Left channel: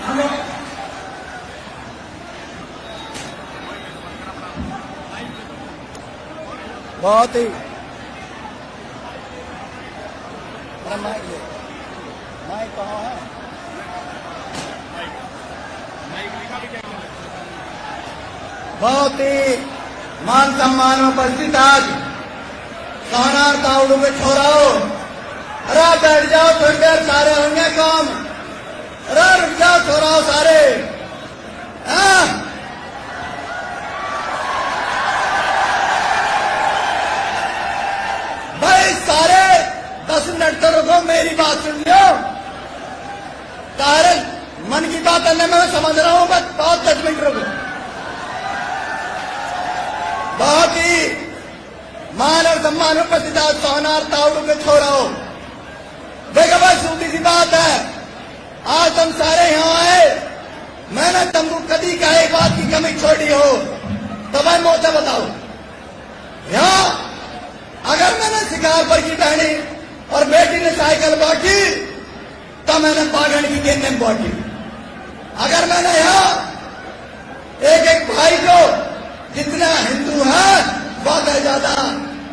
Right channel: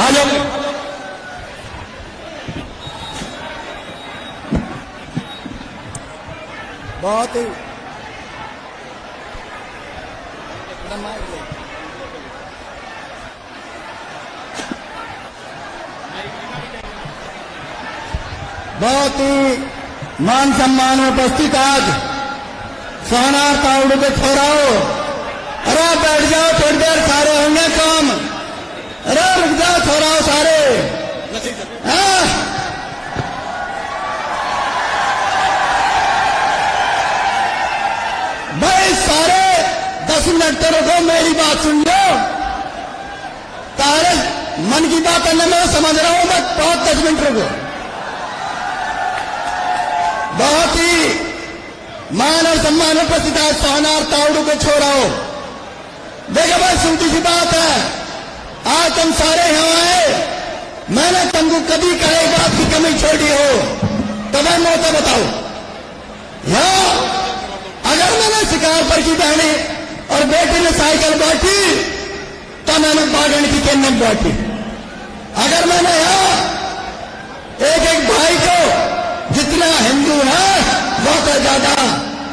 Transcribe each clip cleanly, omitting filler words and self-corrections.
आ जाओ। बहुत ही मान सम्मान उपस्थित आज सोना काउंट पे छोड़ाओ। अरे बैठ जाओ थोड़ी देर, सारे होंगे काम। अरे रुक जाओ, छोड़ाओ सारे। हाँ? भाई सारे 10 मिनट तो रुको, मेरी बात सुन लो। तारे मन की बात करने में समझ रहा हूं मैं, तो 10 मिनट रुको। बहुत ही मान और सम्मान उपस्थित आज सोना और तांडू पे छोड़ो। देखो भाई, सीधी सी बात है, आज तुम सारे यहां आए, मैंने तुमको कभी का एक बात की कमी छोड़ी हो तो मैं मुंह से बताऊं। यहां अगर मैंने शिकार पर की बहनी और बेटी ने साइकिल बैठी तो मैंने बागन की किन्ने बैठी। अगर मैंने यहां एक एक भाई को जितना हिंदू है बहुत ज्यादा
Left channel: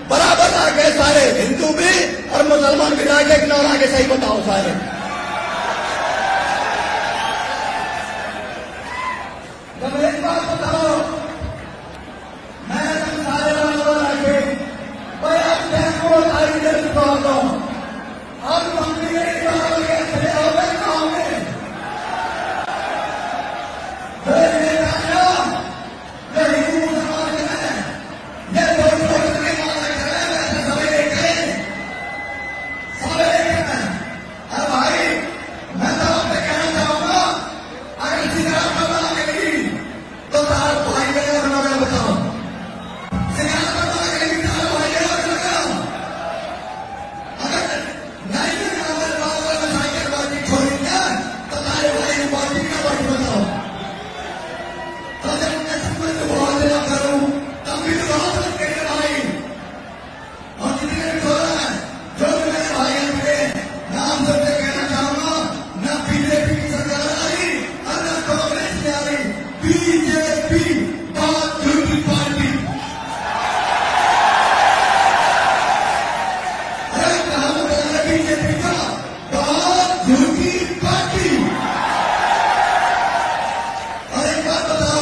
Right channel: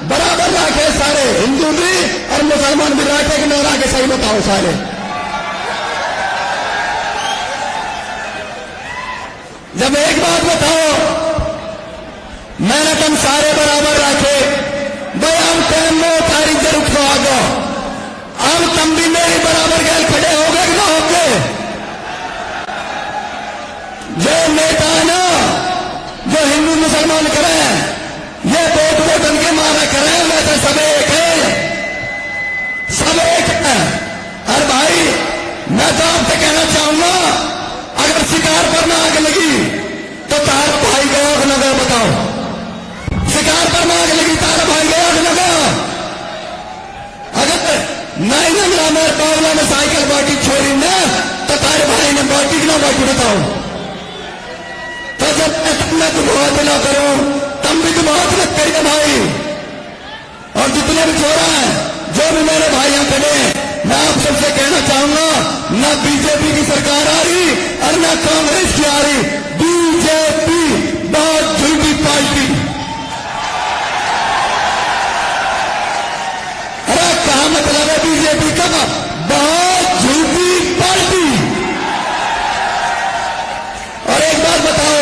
बराबर रखे, सारे हिंदू भी और मुसलमान भी रखे कि ना आके, सही बताओ सारे। जब एक बात बताओ, मैंने तुम सारे बराबर रखे, भाई हम टाइम में उठारी जरूर खवाओ, अब तुम भी मेरे बराबर गैर खड़े हो गए ना होके। जो नेता ना जो हिंदू मुसलमान करें, ये वोट वोटन के मारा करें, वैसे सब एक है, सब एक है। और भाई मैं तो आपसे कहना चाहूंगा, अगर शिकार पर ना आग लगी तो तार भाई गया कि ना गया बताओ। शिकार पर ना आग लगी, तारा भाई गया कि ना गया। अगर नहीं ना मेरे बावला में साइकिल बाटी छोड़ी ने तो तारे भाई ने बाटी कि ना बाटी बताओ। तो जब तुमने तुम बहुत ना करो, तुम भी तुम बहुत मत करिए भाई। और जितने भी छोरा है, जो भी मेरे भाई यहाँ खड़े, मैं आप सबसे कहना चाहूंगा, न बीजेपी की सरकार आ रही और न कांग्रेस की आ रही। बीजेपी बहुत झूठी पार्टी। अरे क्या मतलब है बीजेपी का? बहुत झूठी पार्टी। और एक बात बताओ,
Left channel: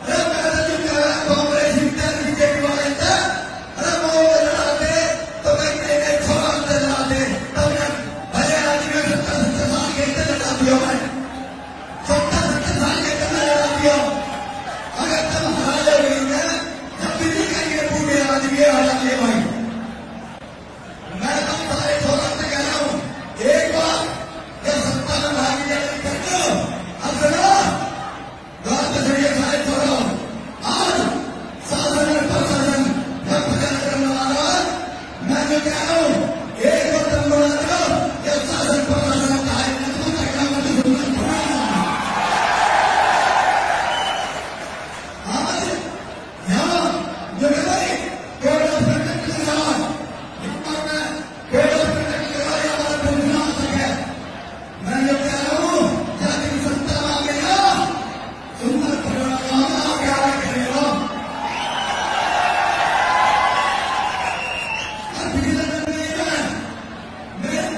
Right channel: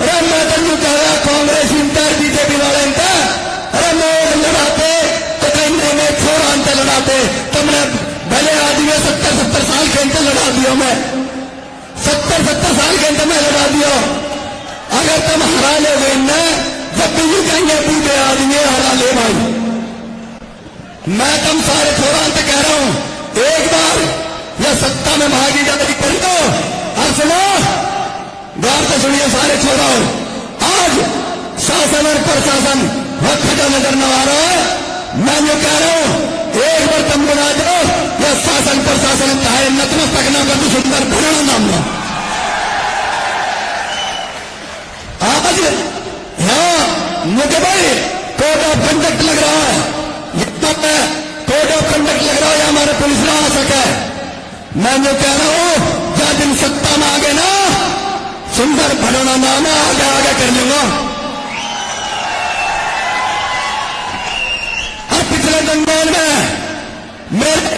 अरे मैं तो कह रहा कांग्रेस इंटर बीजेपी वाले इंटर, अरे मैं लड़ाते तो कहीं में छोड़ा अंतर लड़ाते। तुमने भले आदमी 70-70 साल के अंतर लड़ा दियो, मैं 70-70 साल के अंतर में लड़ा दियो। अगर तुम हरा ले गई न, जब भी ये कहेंगे बूढ़े आदमी हरा ले भाई। मैं तुम सारे छोड़ा अंतर कह रहा हूं, एक बार यह सत्ता में भागीदारी कर दो। और सुनो, बात तो सुनिए सारे छोड़ो, आज शासन और प्रशासन वक्त का नजर न आ रहा है। मैं जो कह रहा हूं, एक बार तुम बना दो, यह शासन प्रशासन चाहे नतमस्तक न कर, तो सुनकर भरा मामला। आज यहाँ मुझे भाई कोड ऑफ कंडक्ट लग रहा है, कोड ऑफ कंडक्ट लग रहा है, हमारे पुलिस ना आ सके। मैं जो कह रहा हूं, जब दिन सत्ता में आ गए ना, सुंदर भरोना नाम है, आगे आगे कर लूंगा। और पिछले दंगल में, मेरे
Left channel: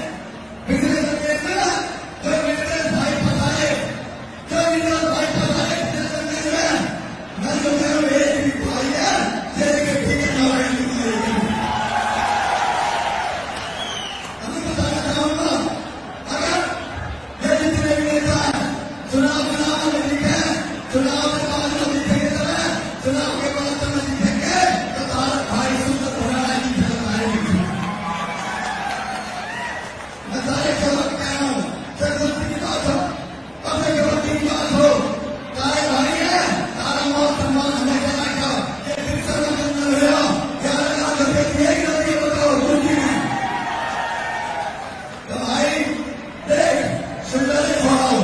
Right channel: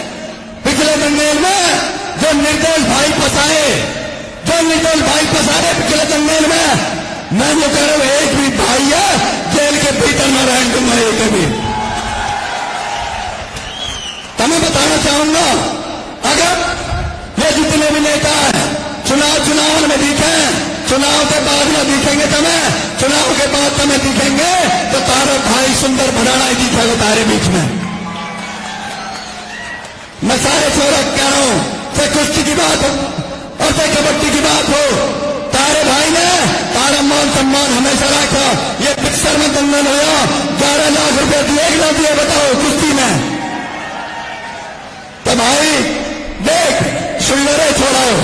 पिछले दंगल में जो निर्दोष भाई फंसाए, पिछले दंगल में, मैं जो कह रहा हूं, एक भी भाई है जेल के भीतर न रह दूंगा एक भी। तो मैं बताना चाहूंगा, अगर ये जितने भी नेता है चुनाव में दिखे, चुनाव के बाद में दिखेंगे, तुम्हें चुनाव के बाद तुम्हें दिखेंगे तो तारा भाई सुंदर भराना ही दिखेगा तारे बीच में। मैं सारे छोरा कह रहा हूं, चाहे कुश्ती की बात हो और चाहे कबड्डी की बात हो, तारे भाई ने तारा मान सम्मान हमेशा रखा। ये पिक्चर में दंगल हुआ, 11 लाख रुपए दिए ना दिए बताओ कुश्ती में। तो भाई देख सुंदर छोड़ाओ,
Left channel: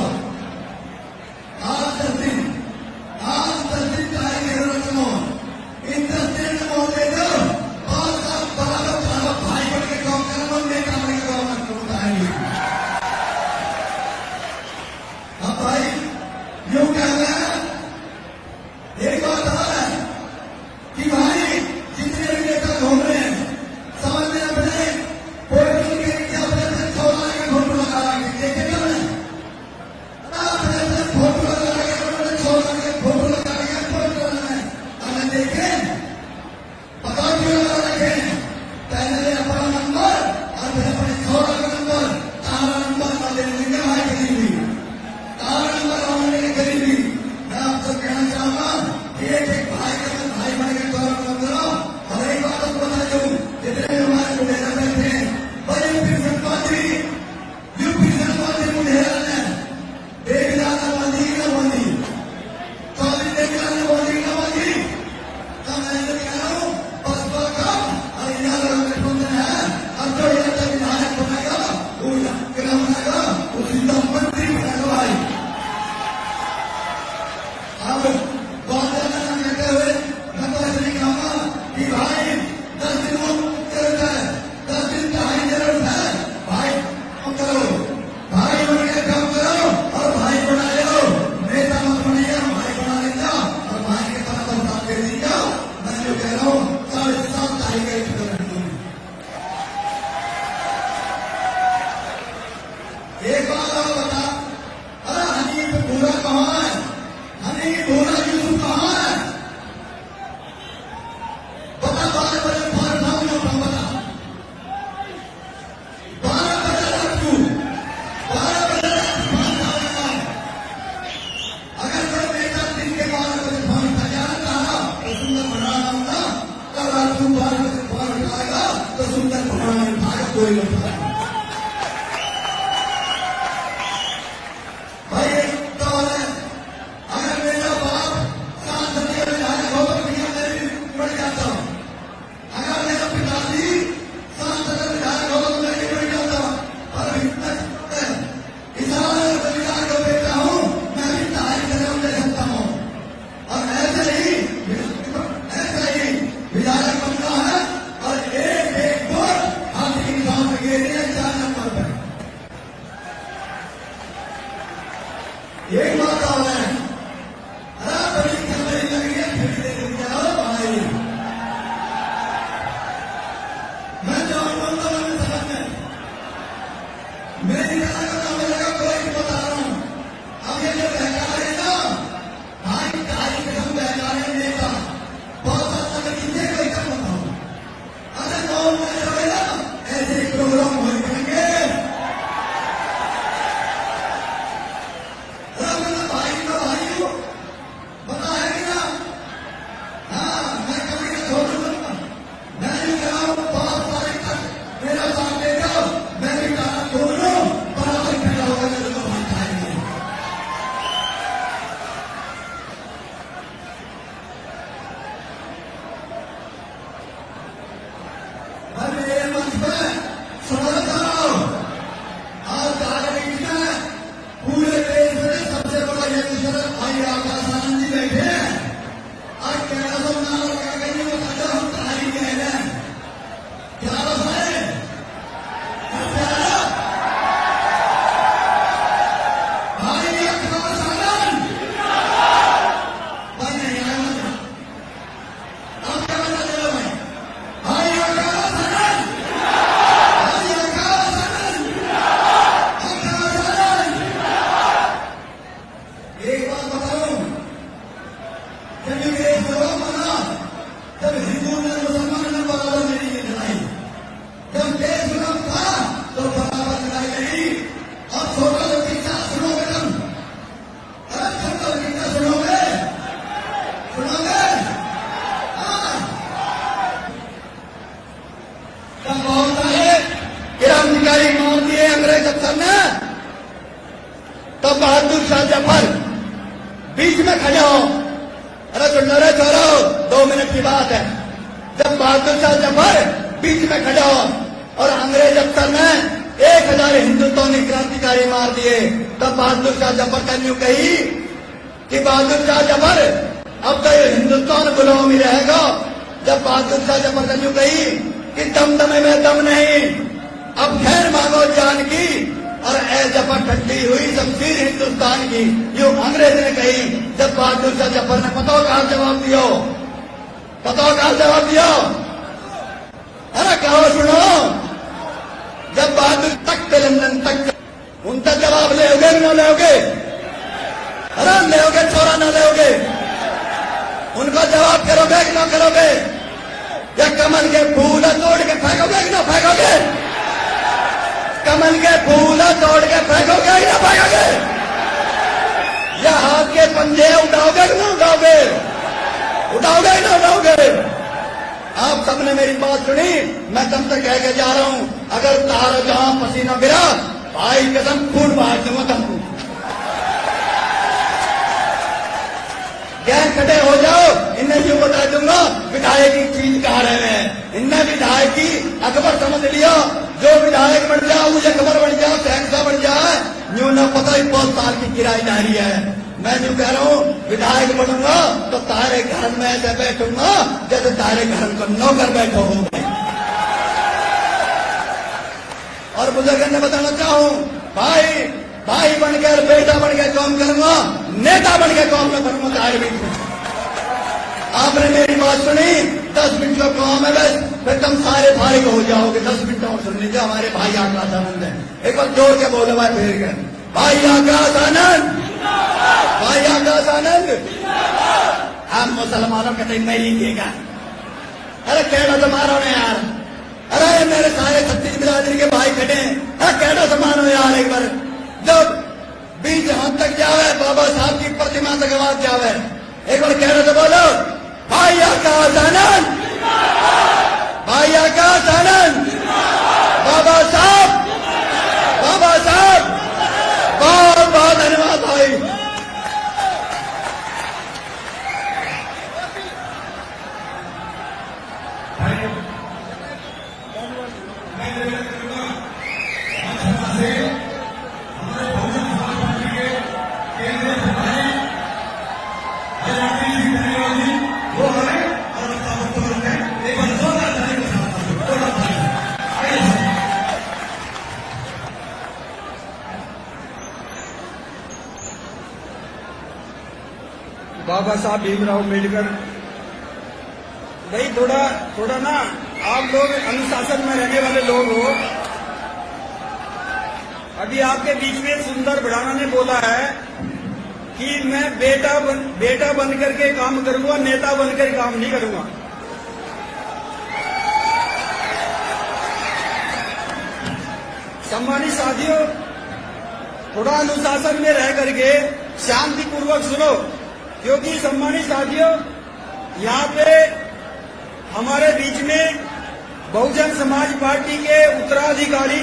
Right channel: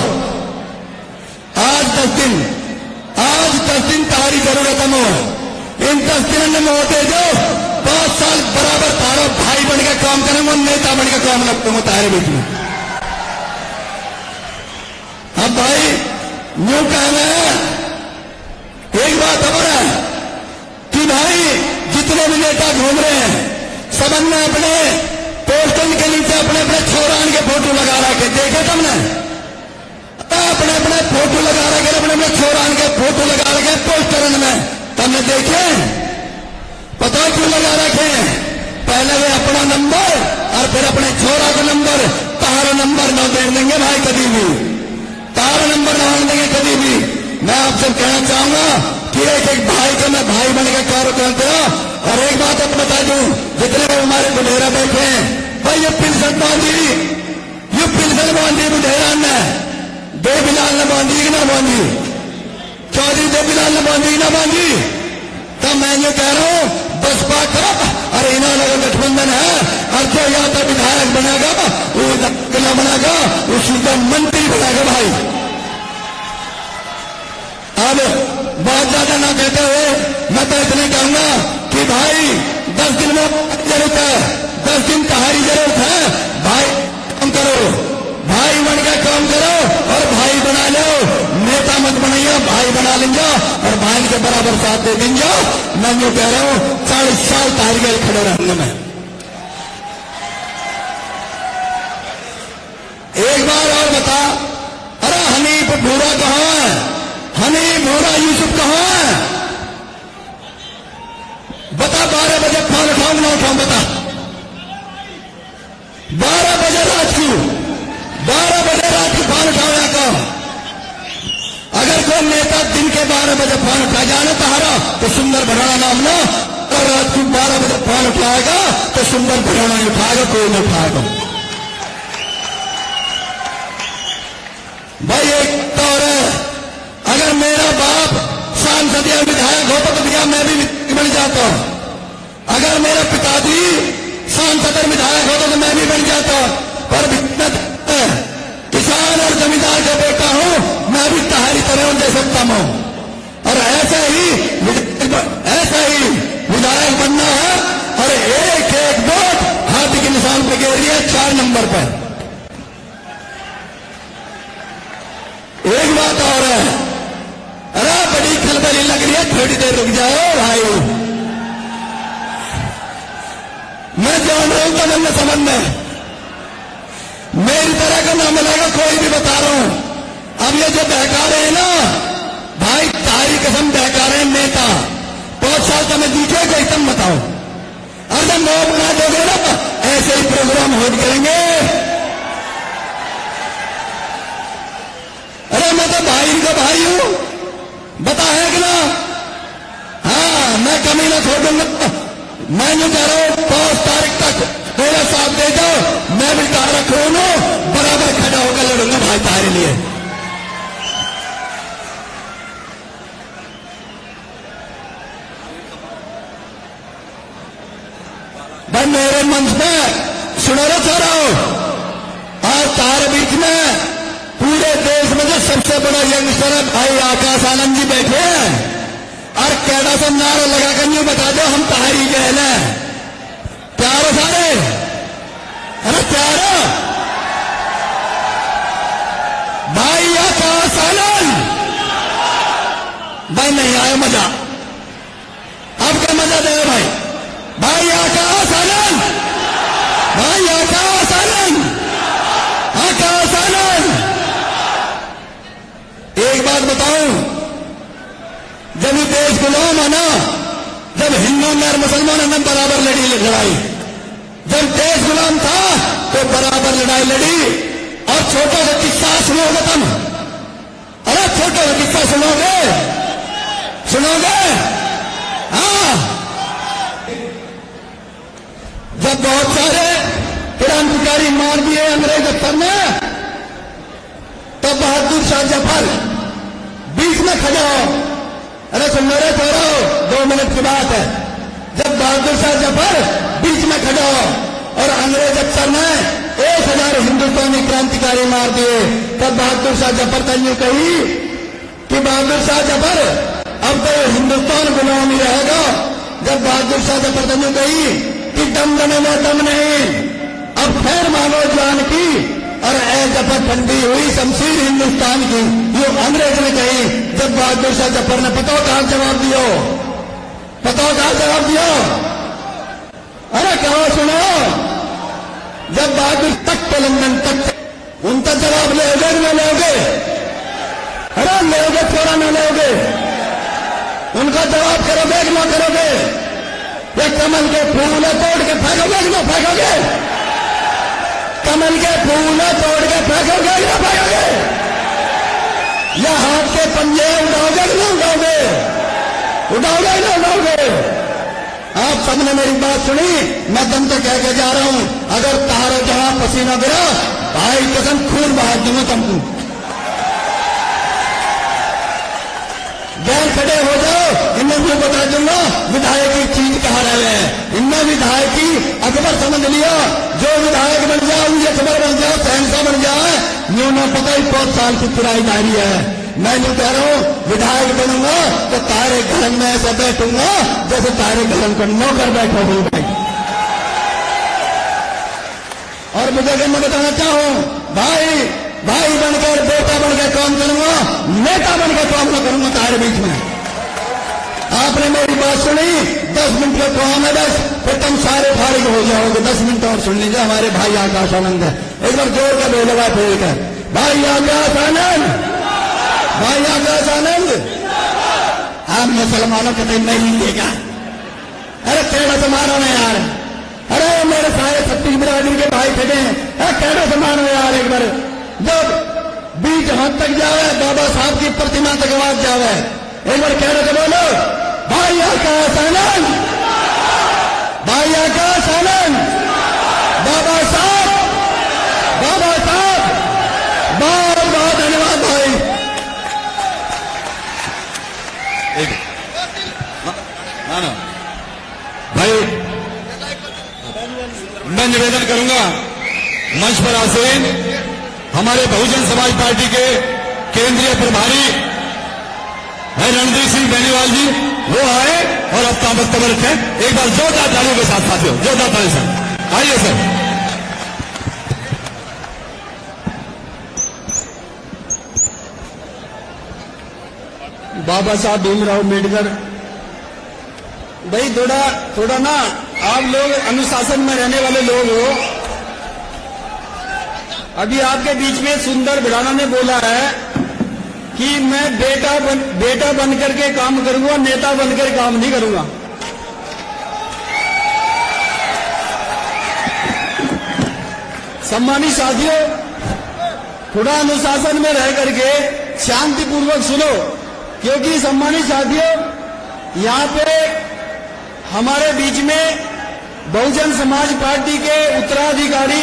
आज 10 दिन तारी जरूरत है। इन 10 दिन में वो दे दो, 5 साल बराबर तारा भाई बन के काम करेंगे, नेता बन के काम लगते हो तारे बीच में। अब अब भाई न्यू कहना है, एक बात और है कि भाई जितने भी नेता घूम रहे हैं सबने अपने पोस्टर के नीचे अपने अपने छोरान के फोटो लगा रखे, देखे तुमने? अपने अपने फोटो लगा रखे, अपने अपने छोरान के फोटो लगा रखे पोस्टर में, तुमने देखे? पता क्यों लगा रखे? पहले वे अपना नंबर और फिर अपने छोरा का नंबर, तारा नंबर न दे देंगे भाई कभी भी, तारा नंबर न देंगे कभी भी। मैं आपसे कहना चाहूंगा कि एक एक भाई को मैं भाई बन के कार्य करते हो। और एक बात अब बता दूं, जितने लोग हमारे बुढ़ेरा बैठे हैं भाई, ये पिलसन बांधी, ये पिलसन बांधी बुढ़ेरा ने देवीलाल ने बांधी ना बांधी, चौधरी देवीलाल ने बांधी ना बांधी। तब मैं ये कह रहा हूं बसपा का और इन्हों लोगों का गठबंधन है, और जो या तो विधायक बनेगा वो जिला बनेगा, वो सीधा मंत्री बनेगा भाई। अब बात ज्यादा ना कहते हुए मैं तो इतने कहूंगा कि भाई 10 दिन में जरूरत है, 10 दिन तुम्हारी जरूरत है भाई, काम करो भाई, बढ़ के काम करो और भाई बना लो, नेता मत बनाइए, भाई बना लेंगे और भाई के बराबर साथ दे देंगे। मैं जो कह रहा हूं 40 साल तारीख खड़े रहूंगा मैं। एक बार और बता, अरे हनीफ भूरा कहां है? हनीफ भूरा यूसुफ कहां है? बता, 12 बजे फोन उठाऊं ना उठाऊं बता? 12 बजे रात को, 12 बजे रात को फोन उठाओ या कहो? अगर कोई नेता दिन के 12 बजे फोन उठा जाना तारा तो सुंदर भराना नाम ना, और रात को 12 बजे फोन उठाएगा तो सुंदर भराना नहीं उठाएगा, कोई नहीं उठाएगा भाई। एक तो अगर मेरा बाप सांसद या विधायक होता तो भैया मैं भी बन जाता, अगर मेरा पिताजी सांसद और विधायक होता तो मैं भी बन जाता, पर किसान और जमींदार का बेटा हूं, मैं भी तुम्हारी तरह दे सकता हूं। और ऐसा ही विधायक बनना है, और एक एक वोट हाथी के निशान पे गिर लिया 4 नंबर पर। एक बात और है, अरे बड़ी खलबली लग रही है, थोड़ी देर रुक जाओ भाई, मैं जान रहा हूं तमन्ना समझ में मेरी तरह का नाम मिलेगा कोई भी, बता रहा हूं। अब ये जो बहका रहे हैं ना भाई, तारी कसम बहका रहे हैं नेता, 5 साल का मैं दिखेगा एकदम बताओ, अगर नौ बना दोगे ना ऐसे ही प्रोग्राम होल्ड करेंगे। अरे मैं तो भाई का भाई हूं, बता है कि ना? हाँ, मैं कमी ना छोड़ दूंगा। मैं जो कह रहा हूं 5 तारीख तक मेरा साथ दे जाओ, मैं भी तारा खोलू, बराबर खड़ा होकर लड़ूंगा भाई तारे लिए। भाई मेरे मंच में सुनो ना चारो, और तारे बीच में पूरे देश में जो सबसे बड़ा यंगस्टर है भाई आकाश आनंद जी बैठे हैं, और कैडा से नारा लगा कर यूं बता दो हम तारी गए ना, प्यार सारे, अरे प्यार भाई आकाश आनंद भाई, नहीं आया मजा, अब क्या मजा दे रहे भाई? भाई आकाश आनंद, भाई आकाश आनंद, आकाश आनंद। एक बात बताऊं, जब ये देश गुलाम है ना, जब हिंदू और मुसलमानों ने बराबर लड़ी लड़ाई, जब देश गुलाम था तो बराबर लड़ाई लड़ी। और छोटा सा किस्सा सुनोगे तुम? अरे छोटा सा किस्सा सुनोगे? सुनोगे? हाँ, जब बहुत सारे क्रांतिकारी मार दिए अंग्रेज ने, तब बहादुर शाह जफर बीच में खड़े हो, अरे सुन रहे थे, 2 मिनट की बात है, जब बहादुर शाह जफर बीच में खड़ा हो और अंग्रेज अफसर ने 1000 हिंदुस्तानी क्रांतिकारी मार दिए, तब बहादुर शाह जफर ने यूं कही कि बहादुर शाह जफर अब तो ये हिंदुस्तान गुरुओं में रहेगा। जब बहादुर शाह जफर ने यूं कही कि दमदमे में दम नहीं, अब फिर मानो जान की, और ऐ दफा ठंडी हुई शमशीर हिंदुस्तान की। उठाओगे ना उठाओगे? आप सबने मेरी बात सुनी, मैं तुमसे कह के जा रहा हूं, अगर तुम्हारे जवाब पसीना गया, भाई कसम खून बहा दूंगा तुमको। गैर खड़े हो जाओ, इन्हें मैं बता दूंगा विधायक की चीज कहां रहे हैं। इनने विधायक की अकबर समझ लिया, जो विधायक बन जाए, मुझे खबर बन जाए, फैसला बन जाए, मैं तो पता ही 5 साल की पढ़ाई जारी है। मैं जो कह रहा हूं, विधायक बनूंगा तो तारे घर में ऐसा बैठूंगा जैसे तारे घर को नौकर बैठे हो गए। और मैं बताना चाहूं, भाई भाई बनकर, बेटा बनकर काम करूंगा, नेता बनकर काम न करूंगा तारे बीच में। आपने मेरी बात सुनी, 10 मिनट का काम है बस, फिर तुम सारे फारिग हो जाओगे। 10 मिनट और सुन लीजिए, हमारे भाई आकाश आनंद है, एक बार जोड़ के बोलेगा फेर कर, भाई आकाश आनंद, भाई आकाश आनंद। अब मुसलमानों के टाइम नहीं लेगा, अरे क्या मुसलमानों ने यार, अरे मेरे सारे 36 मिलियन के भाई खड़े हैं, क्या मुसलमानों ने यार, एक बार जब बीच हद तक जावे, बाबा साहब की प्रतिमा तक आवाज जावे, एक बार कहना तो बोलो, भाई आकाश आनंद, भाई आकाश आनंद, बाबा साहब, बाबा साहब, बहुत बहुत धन्यवाद भाई। ना भाई, मैं निवेदन करूंगा मंच पर आसीन हमारे बहुजन समाज पार्टी के केंद्रीय प्रभारी भाई रणदीप सिंह बेनीवाल जी, वो आए और अपना वक्तव्य रखें। एक बार जोरदार तालियों के साथ साथियों, जोरदार तालियों से आइए सर। बाबा साहब भीमराव अम्बेडकर, भाई थोड़ा ना आप लोग अनुशासन में रहने वाले लोग हो। अभी आपके बीच में सुंदर भिड़ाना ने बोला है कि मैं बेटा बनकर के काम करूंगा, नेता बनकर काम नहीं करूंगा। सम्मानित साथियों, थोड़ा अनुशासन में रह करके शांतिपूर्वक सुनो, क्योंकि सम्मानित साथियों, यहां पे हमारे बीच में बहुजन समाज पार्टी के उत्तराधिकारी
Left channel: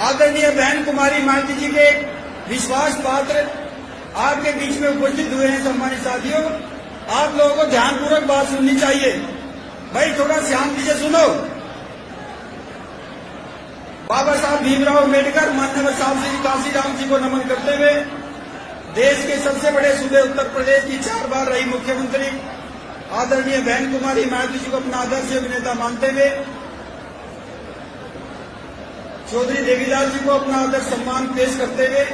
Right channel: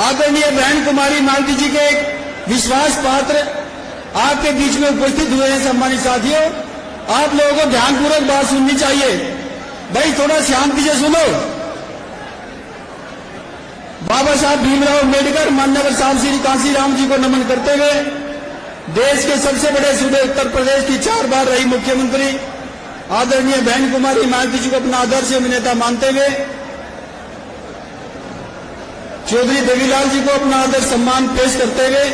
आदरणीय बहन कुमारी मालती जी के विश्वास पात्र आपके बीच में उपस्थित हुए हैं। सम्मानित साथियों, आप लोगों को ध्यानपूर्वक बात सुननी चाहिए। भाई थोड़ा शांति से सुनो। बाबा साहब भीमराव अम्बेडकर, माननीय साहब श्री कांशीराम जी को नमन करते हुए, देश के सबसे बड़े सूबे उत्तर प्रदेश की 4 बार रही मुख्यमंत्री आदरणीय बहन कुमारी मालती जी को अपना आदर्श अभिनेता मानते हुए, चौधरी देवीलाल जी को अपना आदर सम्मान पेश करते हुए,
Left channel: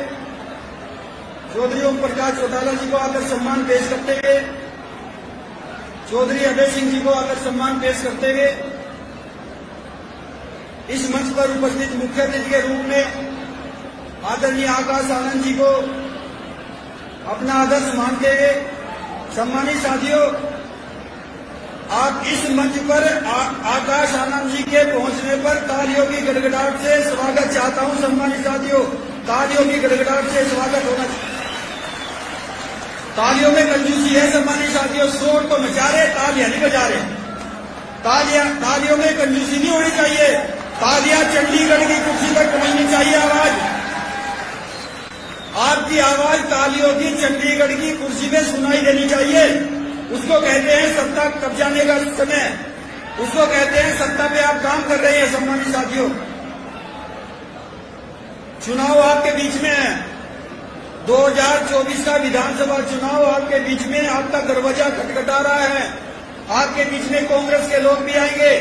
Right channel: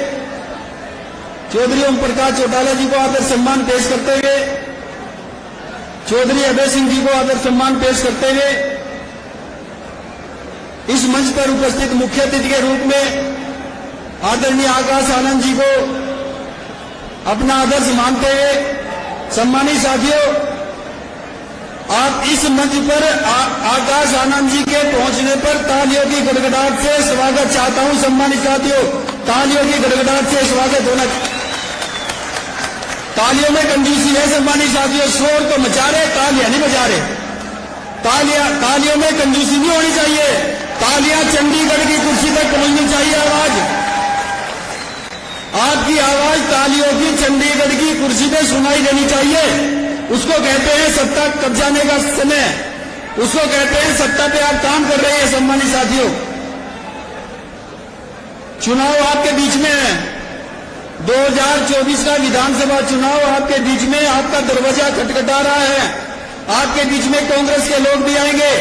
चौधरी ओम प्रकाश चौटाला जी को आदर सम्मान पेश करते हुए, चौधरी अभय सिंह जी को आदर सम्मान पेश करते हुए, इस मंच पर उपस्थित मुख्य अतिथि के रूप में आदरणीय आकाश आनंद जी को अपना आदर्श मानते हुए, सम्मानित साथियों, आप इस मंच पर आकाश आनंद जी के पहुंचने पर तालियों की गड़गड़ाहट से स्वागत चाहता हूं। सम्मानित साथियों, तालियों की गड़गड़ाहट से स्वागत होना। तालियों में कंजूसी है सम्मानित साथियों, शोर तो मचा रहे, तालियां नहीं बजा रहे। तालियों में कंजूसी नहीं होनी चाहिए। तालियां चंडीगढ़ की कुर्सी तक पहुंचनी चाहिए। आवाज, आपकी आवाज तालियों की चंडीगढ़ की कुर्सी पे सुनाई देनी चाहिए। उसको कहते हैं सत्ता कब्जाने का समय, उसको कहते हैं सत्ता पे आप काम कर रहे हैं। सम्मानित साथियों, चुनाव आपके बीच में है, 2024 का विधानसभा चुनाव आपके बीच में, आपका दरवाजा खटखटा रहा है। आपके बीच में कांग्रेस के लोग भी आएंगे,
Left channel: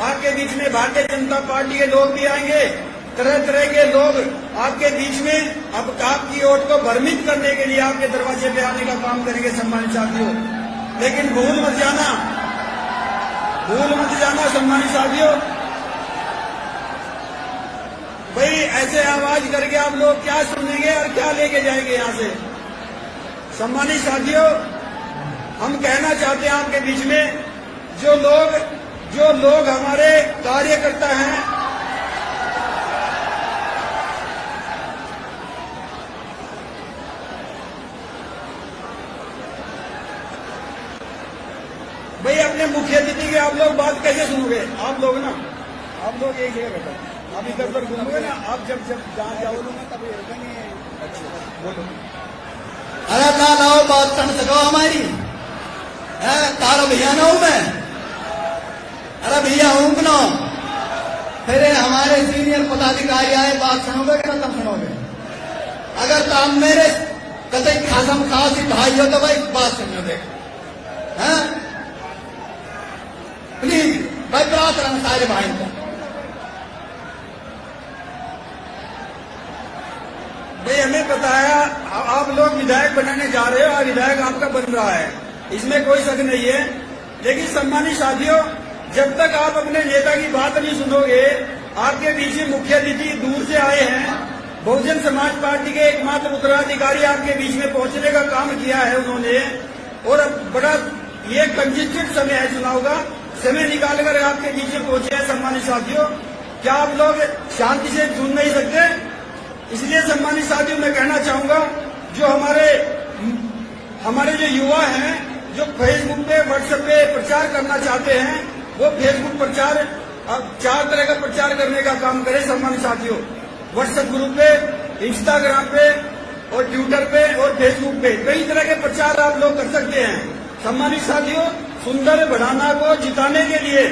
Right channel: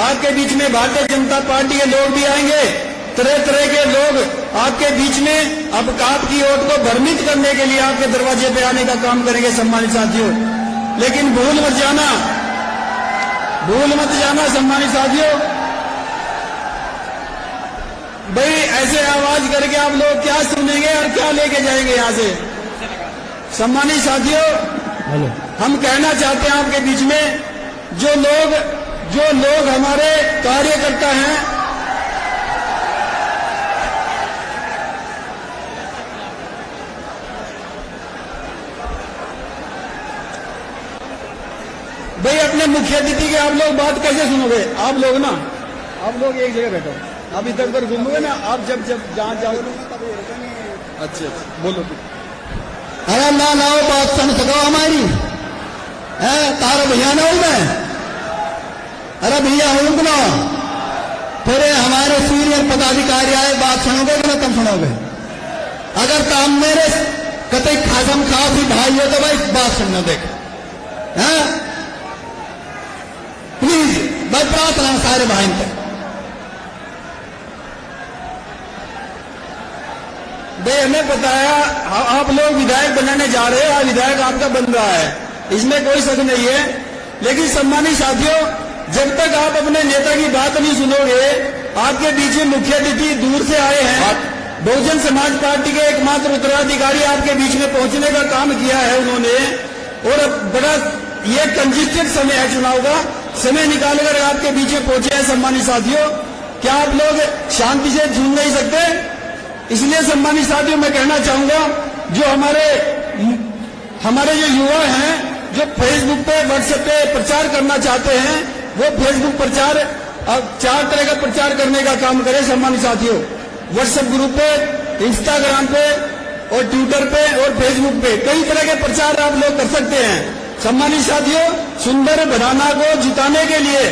आपके बीच में भारतीय जनता पार्टी के लोग भी आएंगे, तरह तरह के लोग आपके बीच में अब आपकी वोट को भ्रमित करने के लिए आपके दरवाजे पे आने का काम करेंगे। सम्मानित साथियों, लेकिन भूल मत जाना सम्मानित साथियों, भाई ऐसे आवाज करके आप लोग क्या सुनेंगे और क्या लेके जाएंगे यहां से। सम्मानित साथियों, हम कहना चाहते हैं आपके बीच में, जो लोग हमारे कार्यकर्ता हैं, आप लोग ना, आप लोग एक जगह बैठो, आप इधर उधर घूमोगे ना, आप जब जहाँ जाओ। अच्छा बोलो तुम। अरे ना आओ, बात सुन सको हमारी है, तार भैया ना हूं मैं। अरे भैया हूं ना, फिर हमारे सीनियर पदाधिकारी आए, बात सुनोगे कि तुम सुनोगे? अगर काम में कतई खसम खासी भाई हो तो भाई बात सुनना। देख प्लीज, मैं बात रहा सारे भाई को। भाई हमें बताया आप लोग विधायक बनने जा रहे हो और विधायक आपका बन रहा है, इसमें कोई शक नहीं है। लेकिन सम्मानित साथियों, जब तक आप अपने नेता की बात नहीं सुनोगे, आपके बीच में मुख्य अतिथि दूर से आए हैं, बहुजन समाज पार्टी के एकमात्र उत्तराधिकारी आपके बीच में पहुंचने का काम किया है उन्होंने, और बड़ा ये कंजेस्टेड समय है, चुनाव का समय निकालकर आपके बीच में पहुंचे हैं। सम्मानित साथियों, क्या आप लोग शांति से सुन नहीं सकते? इसलिए सम्मानित साथियों, मैं कहना चाहूंगा, जो हमारे जो युवा हैं, जो फेसबुक पे व्हाट्सएप पे प्रचार करना चाहते हैं, वो फेसबुक प्रचार और 4 तरह का प्रचार करने का काम करें। सम्मानित साथियों, व्हाट्सएप ग्रुप पे, इंस्टाग्राम पे और ट्विटर पे और फेसबुक पे कई तरह के प्रचार आप लोग कर सकते हैं। सम्मानित साथियों, सुंदर बढ़ाना को जिताने के लिए,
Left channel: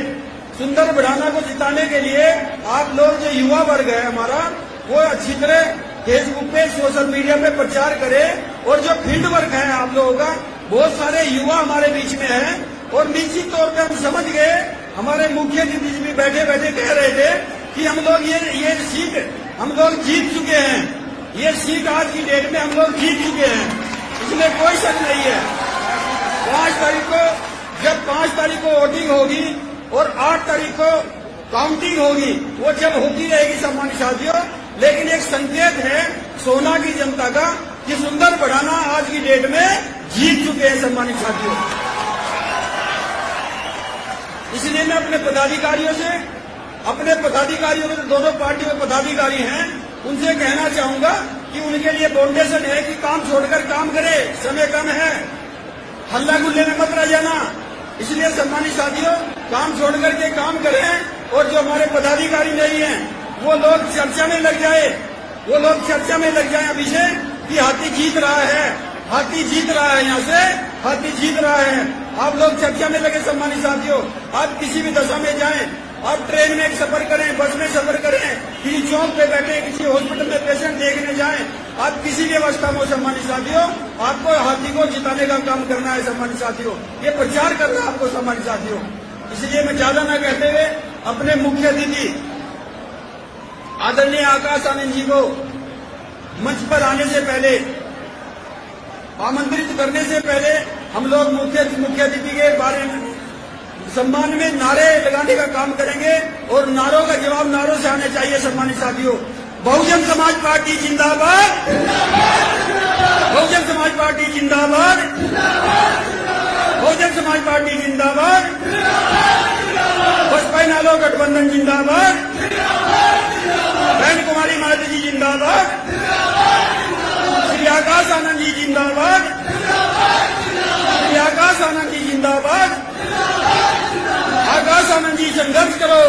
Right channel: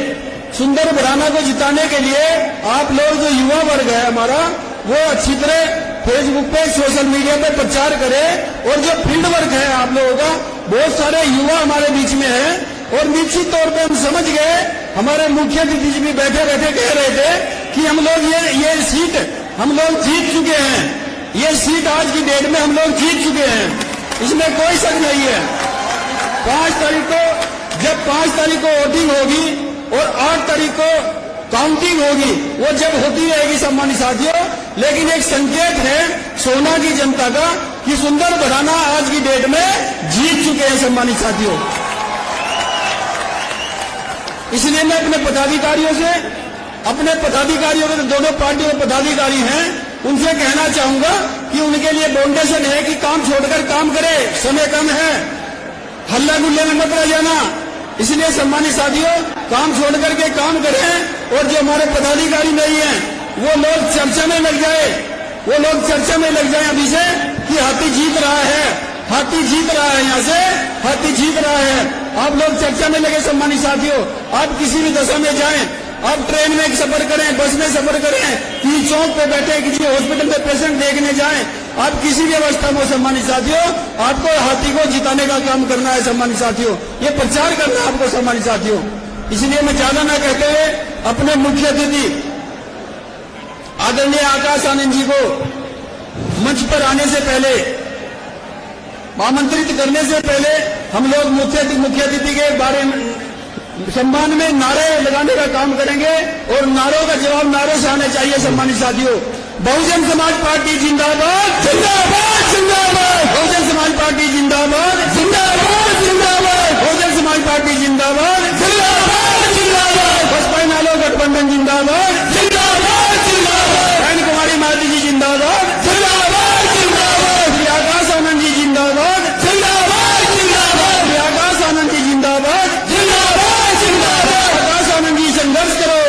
सुंदर बढ़ाना को जिताने के लिए आप लोग जो युवा वर्ग है हमारा, वो अच्छी तरह फेसबुक पे, सोशल मीडिया पे प्रचार करें। और जो फील्ड वर्क है आप लोगों का, बहुत सारे युवा हमारे बीच में है, और निश्चित तौर पे हम समझ गए, हमारे मुख्य अतिथि जी भी बैठे बैठे कह रहे थे कि हम लोग ये सीट हम लोग जीत चुके हैं, ये सीट आज की डेट में हम लोग जीत चुके हैं, इसमें कोई शक नहीं है। 5 तारीख को, जब 5 तारीख को वोटिंग होगी और 8 तारीख को काउंटिंग होगी, वो जब होती रहेगी सम्मानित साथियों, लेकिन एक संकेत है सोना की जनता का कि सुंदर बढ़ाना आज की डेट में जीत चुके हैं सम्मानित साथियों। इसलिए मैं अपने पदाधिकारियों के, दोनों पार्टियों के पदाधिकारी हैं, उनसे कहना चाहूंगा कि उनके लिए फाउंडेशन है कि काम छोड़कर काम करें, समय कम है, हल्ला गुल्ले में मत रह जाना। इसलिए सम्मानित साथियों, काम छोड़ करके काम करें, और जो हमारे पदाधिकारी नहीं है वो लोग चर्चा में लग जाए, अभी से कि हाथी जीत रहा है, यहाँ से हाथी जीत रहा है। आप लोग चर्चा में लगे। सम्मानित साथियों, आप किसी भी दशा में जाएं, आप ट्रेन में सफर करें, बस में सफर करें, किसी चौक पे बैठे, किसी हॉस्पिटल में पेशेंट देखने जाएं, आप किसी भी अवस्था में, सम्मानित साथियों, आपको हाथी को जिताने का काम करना है। सम्मानित साथियों, ये प्रचार करना है आपको सम्मानित साथियों। इसलिए मैं ज्यादा न कहते हुए अपने मुख्य अतिथि आदरणीय आकाश आनंद जी को मंच पर आने से पहले, आमंत्रित करने से पहले, हम लोग मुख्य अतिथि के बारे में सम्मान में नारे लगाने का काम करेंगे, और नारों का जवाब नारों से आने चाहिए। सम्मानित साथियों, बहुजन समाज पार्टी जिंदाबाद, बहुजन समाज पार्टी जिंदाबाद, बहुजन समाज पार्टी जिंदाबाद, बसपा नालो गठबंधन जिंदाबाद, बहन कुमारी माती जी जिंदाबाद, श्री आकाश आनंद जी जिंदाबाद, श्री आकाश आनंद जी जिंदाबाद, आकाश आनंद जी संघर्ष करो,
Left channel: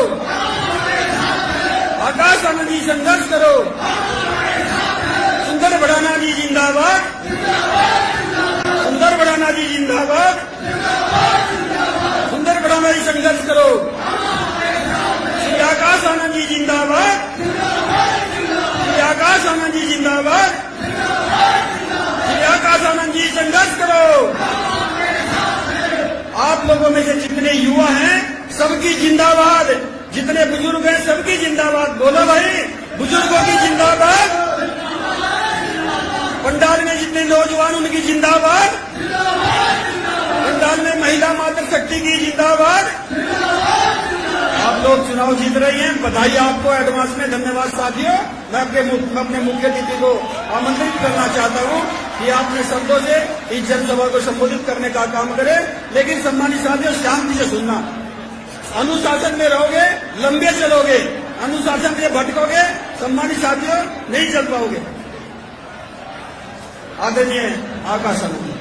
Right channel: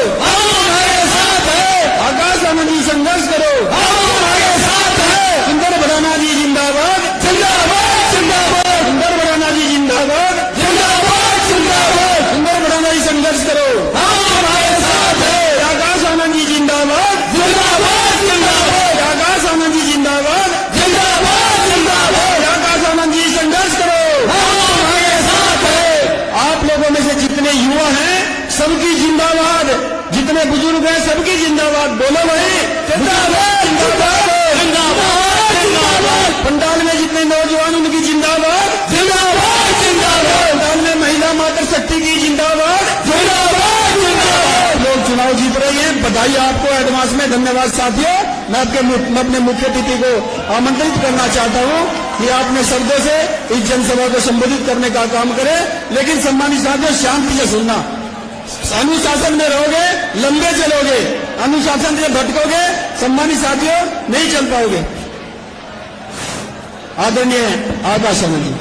आकाश आनंद जी संघर्ष करो, सुंदर बढ़ाना जी जिंदाबाद, सुंदर बढ़ाना जी जिंदाबाद, सुंदर बढ़ाना जी संघर्ष करो, आकाश आनंद जी जिंदाबाद, आकाश आनंद जी जिंदाबाद, आकाश आनंद जी संघर्ष करो। आप लोगों में से जितने युवा हैं सबकी जिंदाबाद, जितने बुजुर्ग हैं सबकी जिंदाबाद। बोलो भाई, जिंदाबाद, पंडाल में जितने नौजवान उनकी जिंदाबाद, पंडाल में महिला मातृशक्ति की जिंदाबाद। आप लोग चुनाव जीत रहे हैं, बधाई आपको एडवांस में, धन्यवाद साथियों। मैं अपने मुख्य अतिथि को आमंत्रित करना चाहता हूं कि आपने शब्दों से इस जनसभा को संबोधित करने का काम करें, लेकिन सम्मानित साथियों, शांति से सुनना। अनुशासन में रहोगे, लंबे चलोगे, अनुशासन से भटकोगे, सम्मानित साथियों, नहीं चल पाओगे। आदरणीय आकाश आनंद जी।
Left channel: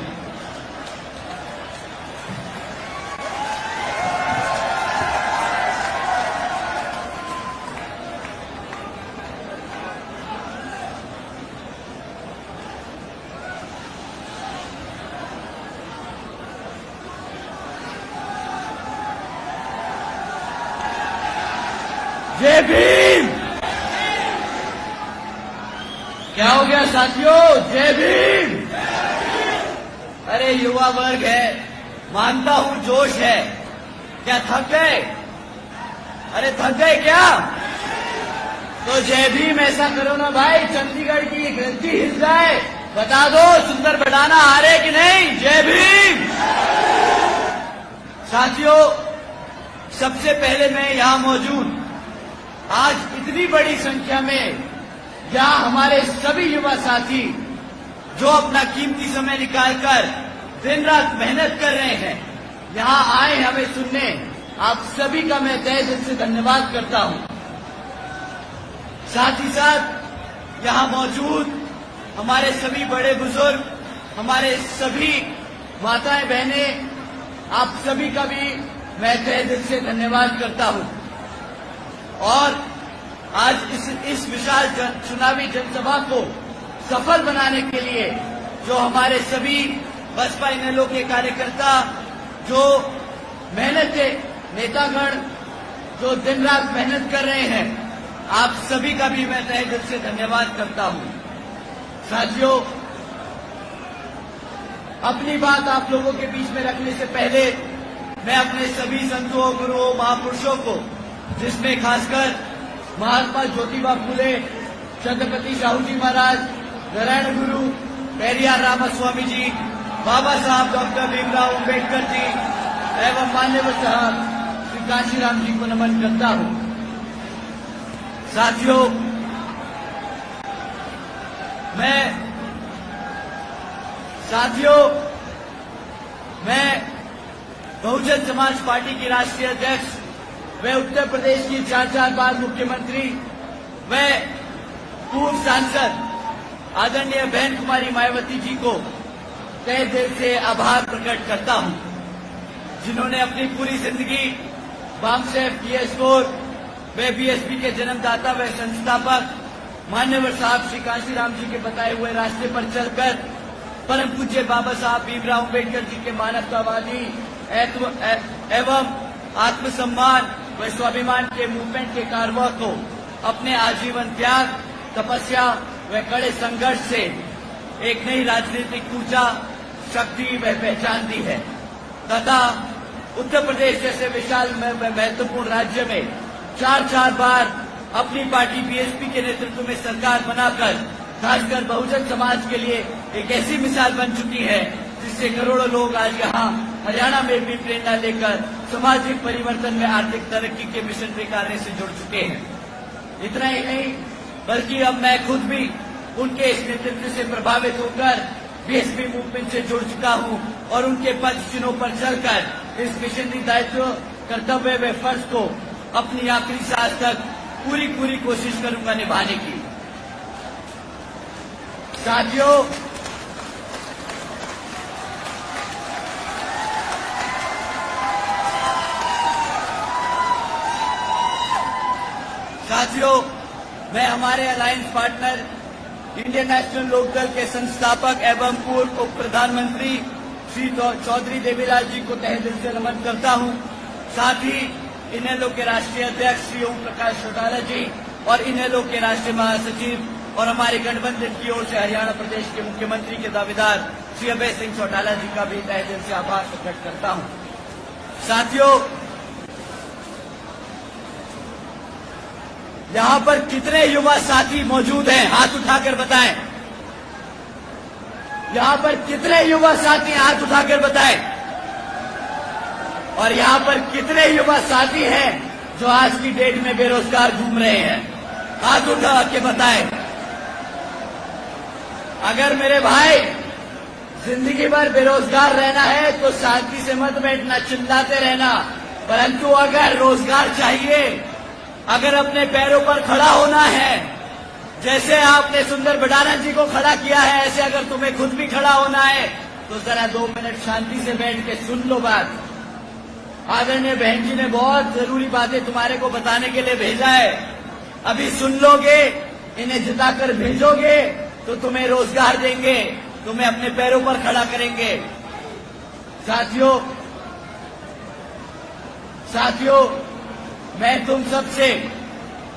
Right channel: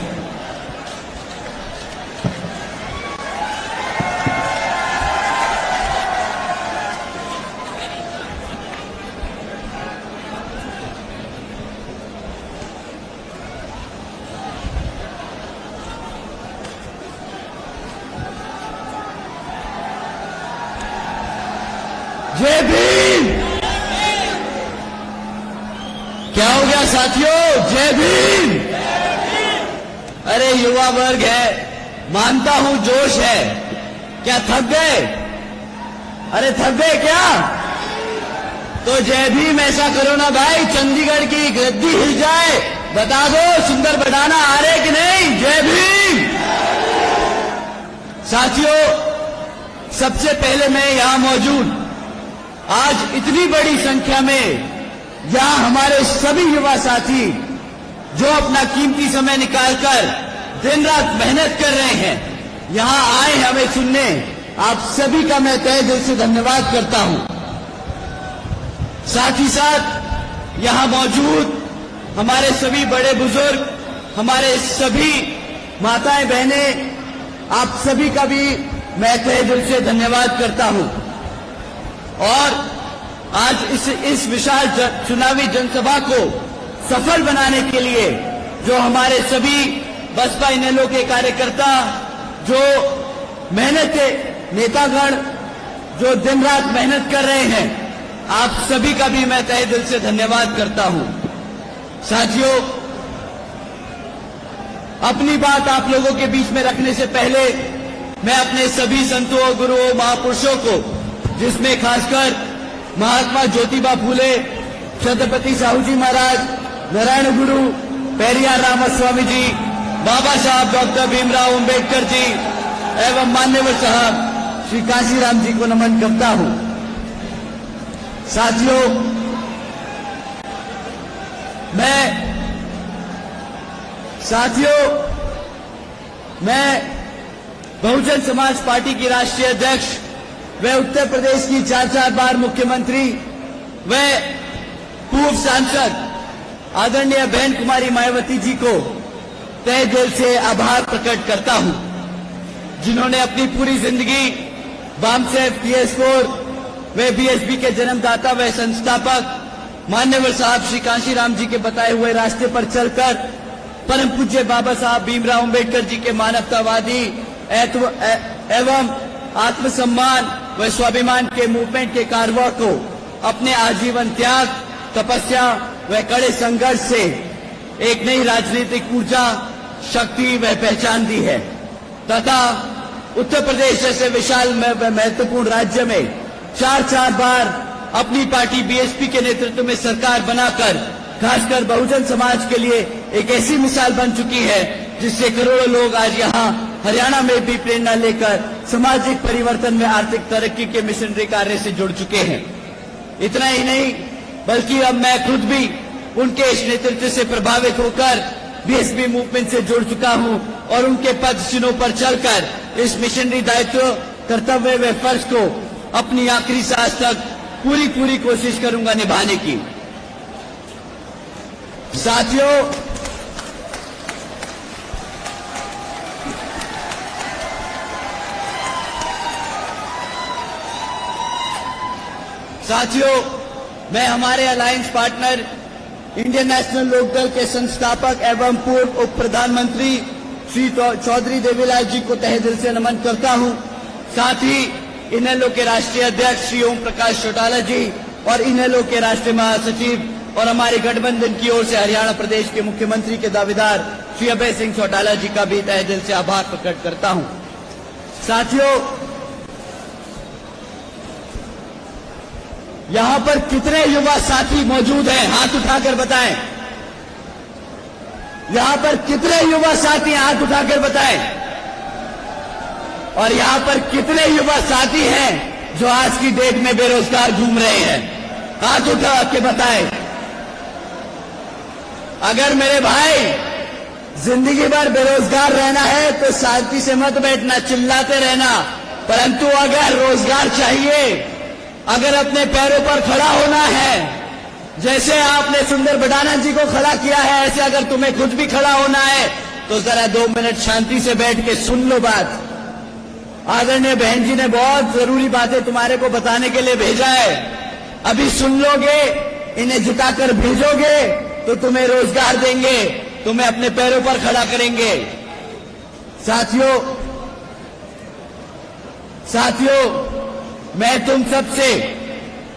साथियों, जय भीम। अरे युवा वर्ग है, मानता हूं जोश है, क्या थक गए? अरे थक गए क्या? तो जय भीम ऐसा करो ना भाई, चंडीगढ़ की गद्दी हिल जाए, बता दो सुंदर बढ़ाना आ रहे कि नहीं? जय भीम। साथियों, सबसे पहले मैं यहां मौजूद आज इतनी बड़ी संख्या में यहां हमारे सभी युवा साथी जो अपना कीमती समय निकालकर दिन रात मेहनत कर रहे हैं, यहां आए हमें सुनने, आप सभी का मैं तहे दिल से धन्यवाद करता हूं। साथ ही साथ यहां मौजूद हमारे सभी बड़े बुजुर्ग, हमारे सभी माताएं बहनें, आप सभी का भी मैं तहे दिल से धन्यवाद करता हूं। और आज इस विशाल चुनावी जनसभा को सफल बनाने के लिए जो हमारे सभी बसपा इनेलो के कार्यकर्ता, जो मेहनत के नेतागण जो दिन रात मेहनत कर रहे हैं, आप सभी का भी मैं तहे दिल से धन्यवाद करता हूं। साथियों, अपनी बात आप लोगों के बीच में रखने से पहले मैं अपने सभी संतों, गुरुओं, महापुरुषों को, जिसमें खासकर महात्मा ज्योतिबा फूले, छत्रपति साहू जी महाराज, नारायण गुरु, पेरियार रामास्वामी जी, बाबा साहब डॉक्टर भीमराव अंबेडकर जी एवं मान्यवर साहब श्री काशीराम जी को नमन करता हूं। साथियों, मैं बहुजन समाज पार्टी की राष्ट्रीय अध्यक्ष व उत्तर प्रदेश की 4 बार मुख्यमंत्री व पूर्व सांसद आदरणीय बहन कुमारी मायावती जी को तहे दिल से आभार प्रकट करता हूं, जिन्होंने अपनी पूरी जिंदगी वामसेफ, टीएस4 वे बीएसपी के जन्मदाता व संस्थापक मान्यवर साहब श्री काशीराम जी के बताए हुए रास्ते पर चलकर परम पूज्य बाबा साहब भीमराव अंबेडकर जी के मानवतावादी एवं आत्मसम्मान व स्वाभिमान के मूवमेंट के कारवा को अपने आजीवन त्याग, तपस्या व कड़े संघर्ष से एक नई राजनीतिक ऊर्जा, शक्ति व पहचान दी है तथा उत्तर प्रदेश जैसे विशाल महत्वपूर्ण राज्य में 4 बार अपनी पार्टी बीएसपी के नेतृत्व में सरकार बनाकर खासकर बहुजन समाज के लिए एक ऐसी मिसाल बन चुकी है जिससे करोड़ों लोग आज यहाँ हरियाणा में भी प्रेरणा लेकर सामाजिक परिवर्तन में आर्थिक तरक्की के मिशनरी कार्य से जुड़ चुके हैं। इतना ही नहीं, बल्कि अब मैं खुद भी उनके इस नेतृत्व से प्रभावित होकर बीएसपी मूवमेंट से जुड़ चुका हूं और उनके पद चिन्हों पर चलकर इस मिशनरी दायित्व, कर्तव्य व फर्ज को अपनी आखिरी सांस तक पूरी कोशिश करूंगा निभाने की। साथियों, मैं हमारे alliance partner Indian National Lokdal के संस्थापक एवं पूर्व उप प्रधानमंत्री श्री चौधरी देवीलाल जी को तहे दिल से नमन करता हूं। साथ ही इनेलो के राष्ट्रीय अध्यक्ष श्री ओम प्रकाश चौटाला जी और इनेलो के राष्ट्रीय महासचिव और हमारे गठबंधन की ओर से हरियाणा प्रदेश के मुख्यमंत्री के दावेदार श्री अभय सिंह चौटाला जी का भी तहे दिल से आभार प्रकट करता हूं। साथियों, यहां पर कितने युवा साथी मौजूद हैं? हाथ उठाकर बताएं। यहां पर कितने युवा साथी? हाथ उठाकर बताएं। और यहां पर कितने युवा साथी हैं जो आज की डेट में बेरोजगार घूम रहे हैं? हाथ उठा के बताएं। अगर मेरे भाई जिंदगी भर बेरोजगार रहना है तो शांति से मत बैठना, चिल्लाते रहना, परंतु अगर रोजगार चाहिए, अगर अपने पैरों पर खड़ा होना है, जैसे आपने सुंदर बढ़ाना जी को खड़ा किया है, ऐसे अगर तुम्हें खुद भी खड़ा होना है तो जरा 2 मिनट शांति से बैठ के सुन लो बात। आदरणीय बहन जी ने बहुत जरूरी बातें तुम्हारे को बताने के लिए भेजा है, अभी सुन लोगे, इन्हें जिताकर भेजोगे तो तुम्हें रोजगार देंगे, तुम्हें अपने पैरों पर खड़ा करेंगे। साथियों, मैं तुम सबसे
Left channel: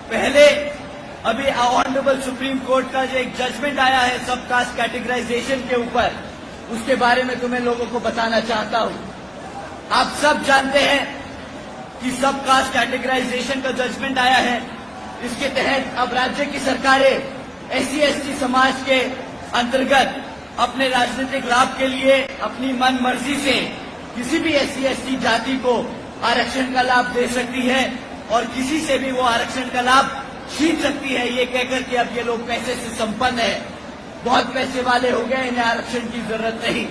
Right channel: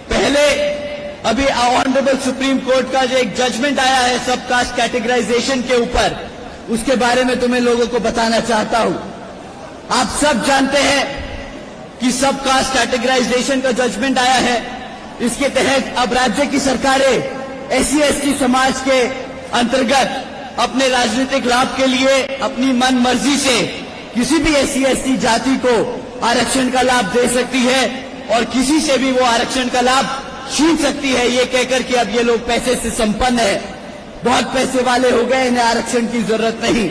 पहले अभी ऑनरेबल सुप्रीम कोर्ट का जो एक जजमेंट आया है सब कास्ट कैटेगराइजेशन के ऊपर, उसके बारे में तो मैं लोगों को बताना चाहता हूं। आप सब जानते हैं कि सब कास्ट कैटेगराइजेशन का जजमेंट आया है। इसके तहत अब राज्य की सरकारें SC ST समाज के अंतर्गत अपने राजनीतिक लाभ के लिए अपनी मन मर्जी से किसी भी SC ST जाति को आरक्षण का लाभ दे सकती है और किसी से भी वो आरक्षण का लाभ छीन सकती है, ये कहकर कि अब ये लोग पैसे से संपन्न है, बहुत पैसे वाले हो गए, इन्हें आरक्षण की जरूरत नहीं।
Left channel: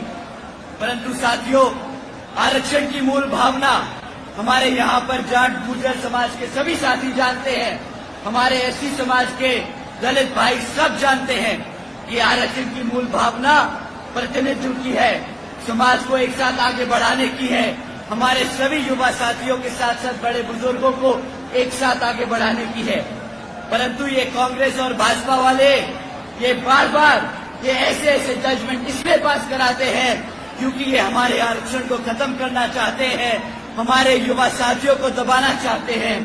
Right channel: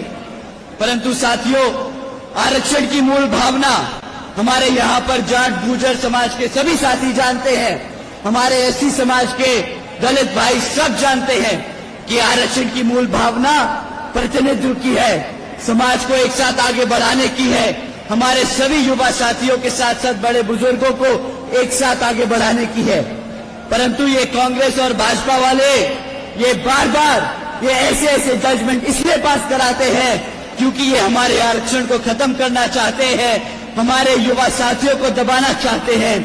परंतु साथियों, आरक्षण की मूल भावना हमारे यहाँ पर जाट गुर्जर समाज के सभी साथी जानते हैं, हमारे SC समाज के दलित भाई सब जानते हैं कि आरक्षण की मूल भावना प्रतिनिधित्व की है, समाज को एक साथ आगे बढ़ाने की है, हमारे सभी युवा साथियों के साथ साथ बड़े बुजुर्गों को एक साथ आगे बढ़ाने की है। परंतु ये कांग्रेस और भाजपा वाले ये बार बार ये ऐसे जजमेंट इसलिए पास कराते हैं क्योंकि ये हमारे आरक्षण को खत्म करना चाहते हैं, हमारे युवा साथियों को दबाना चाहते हैं,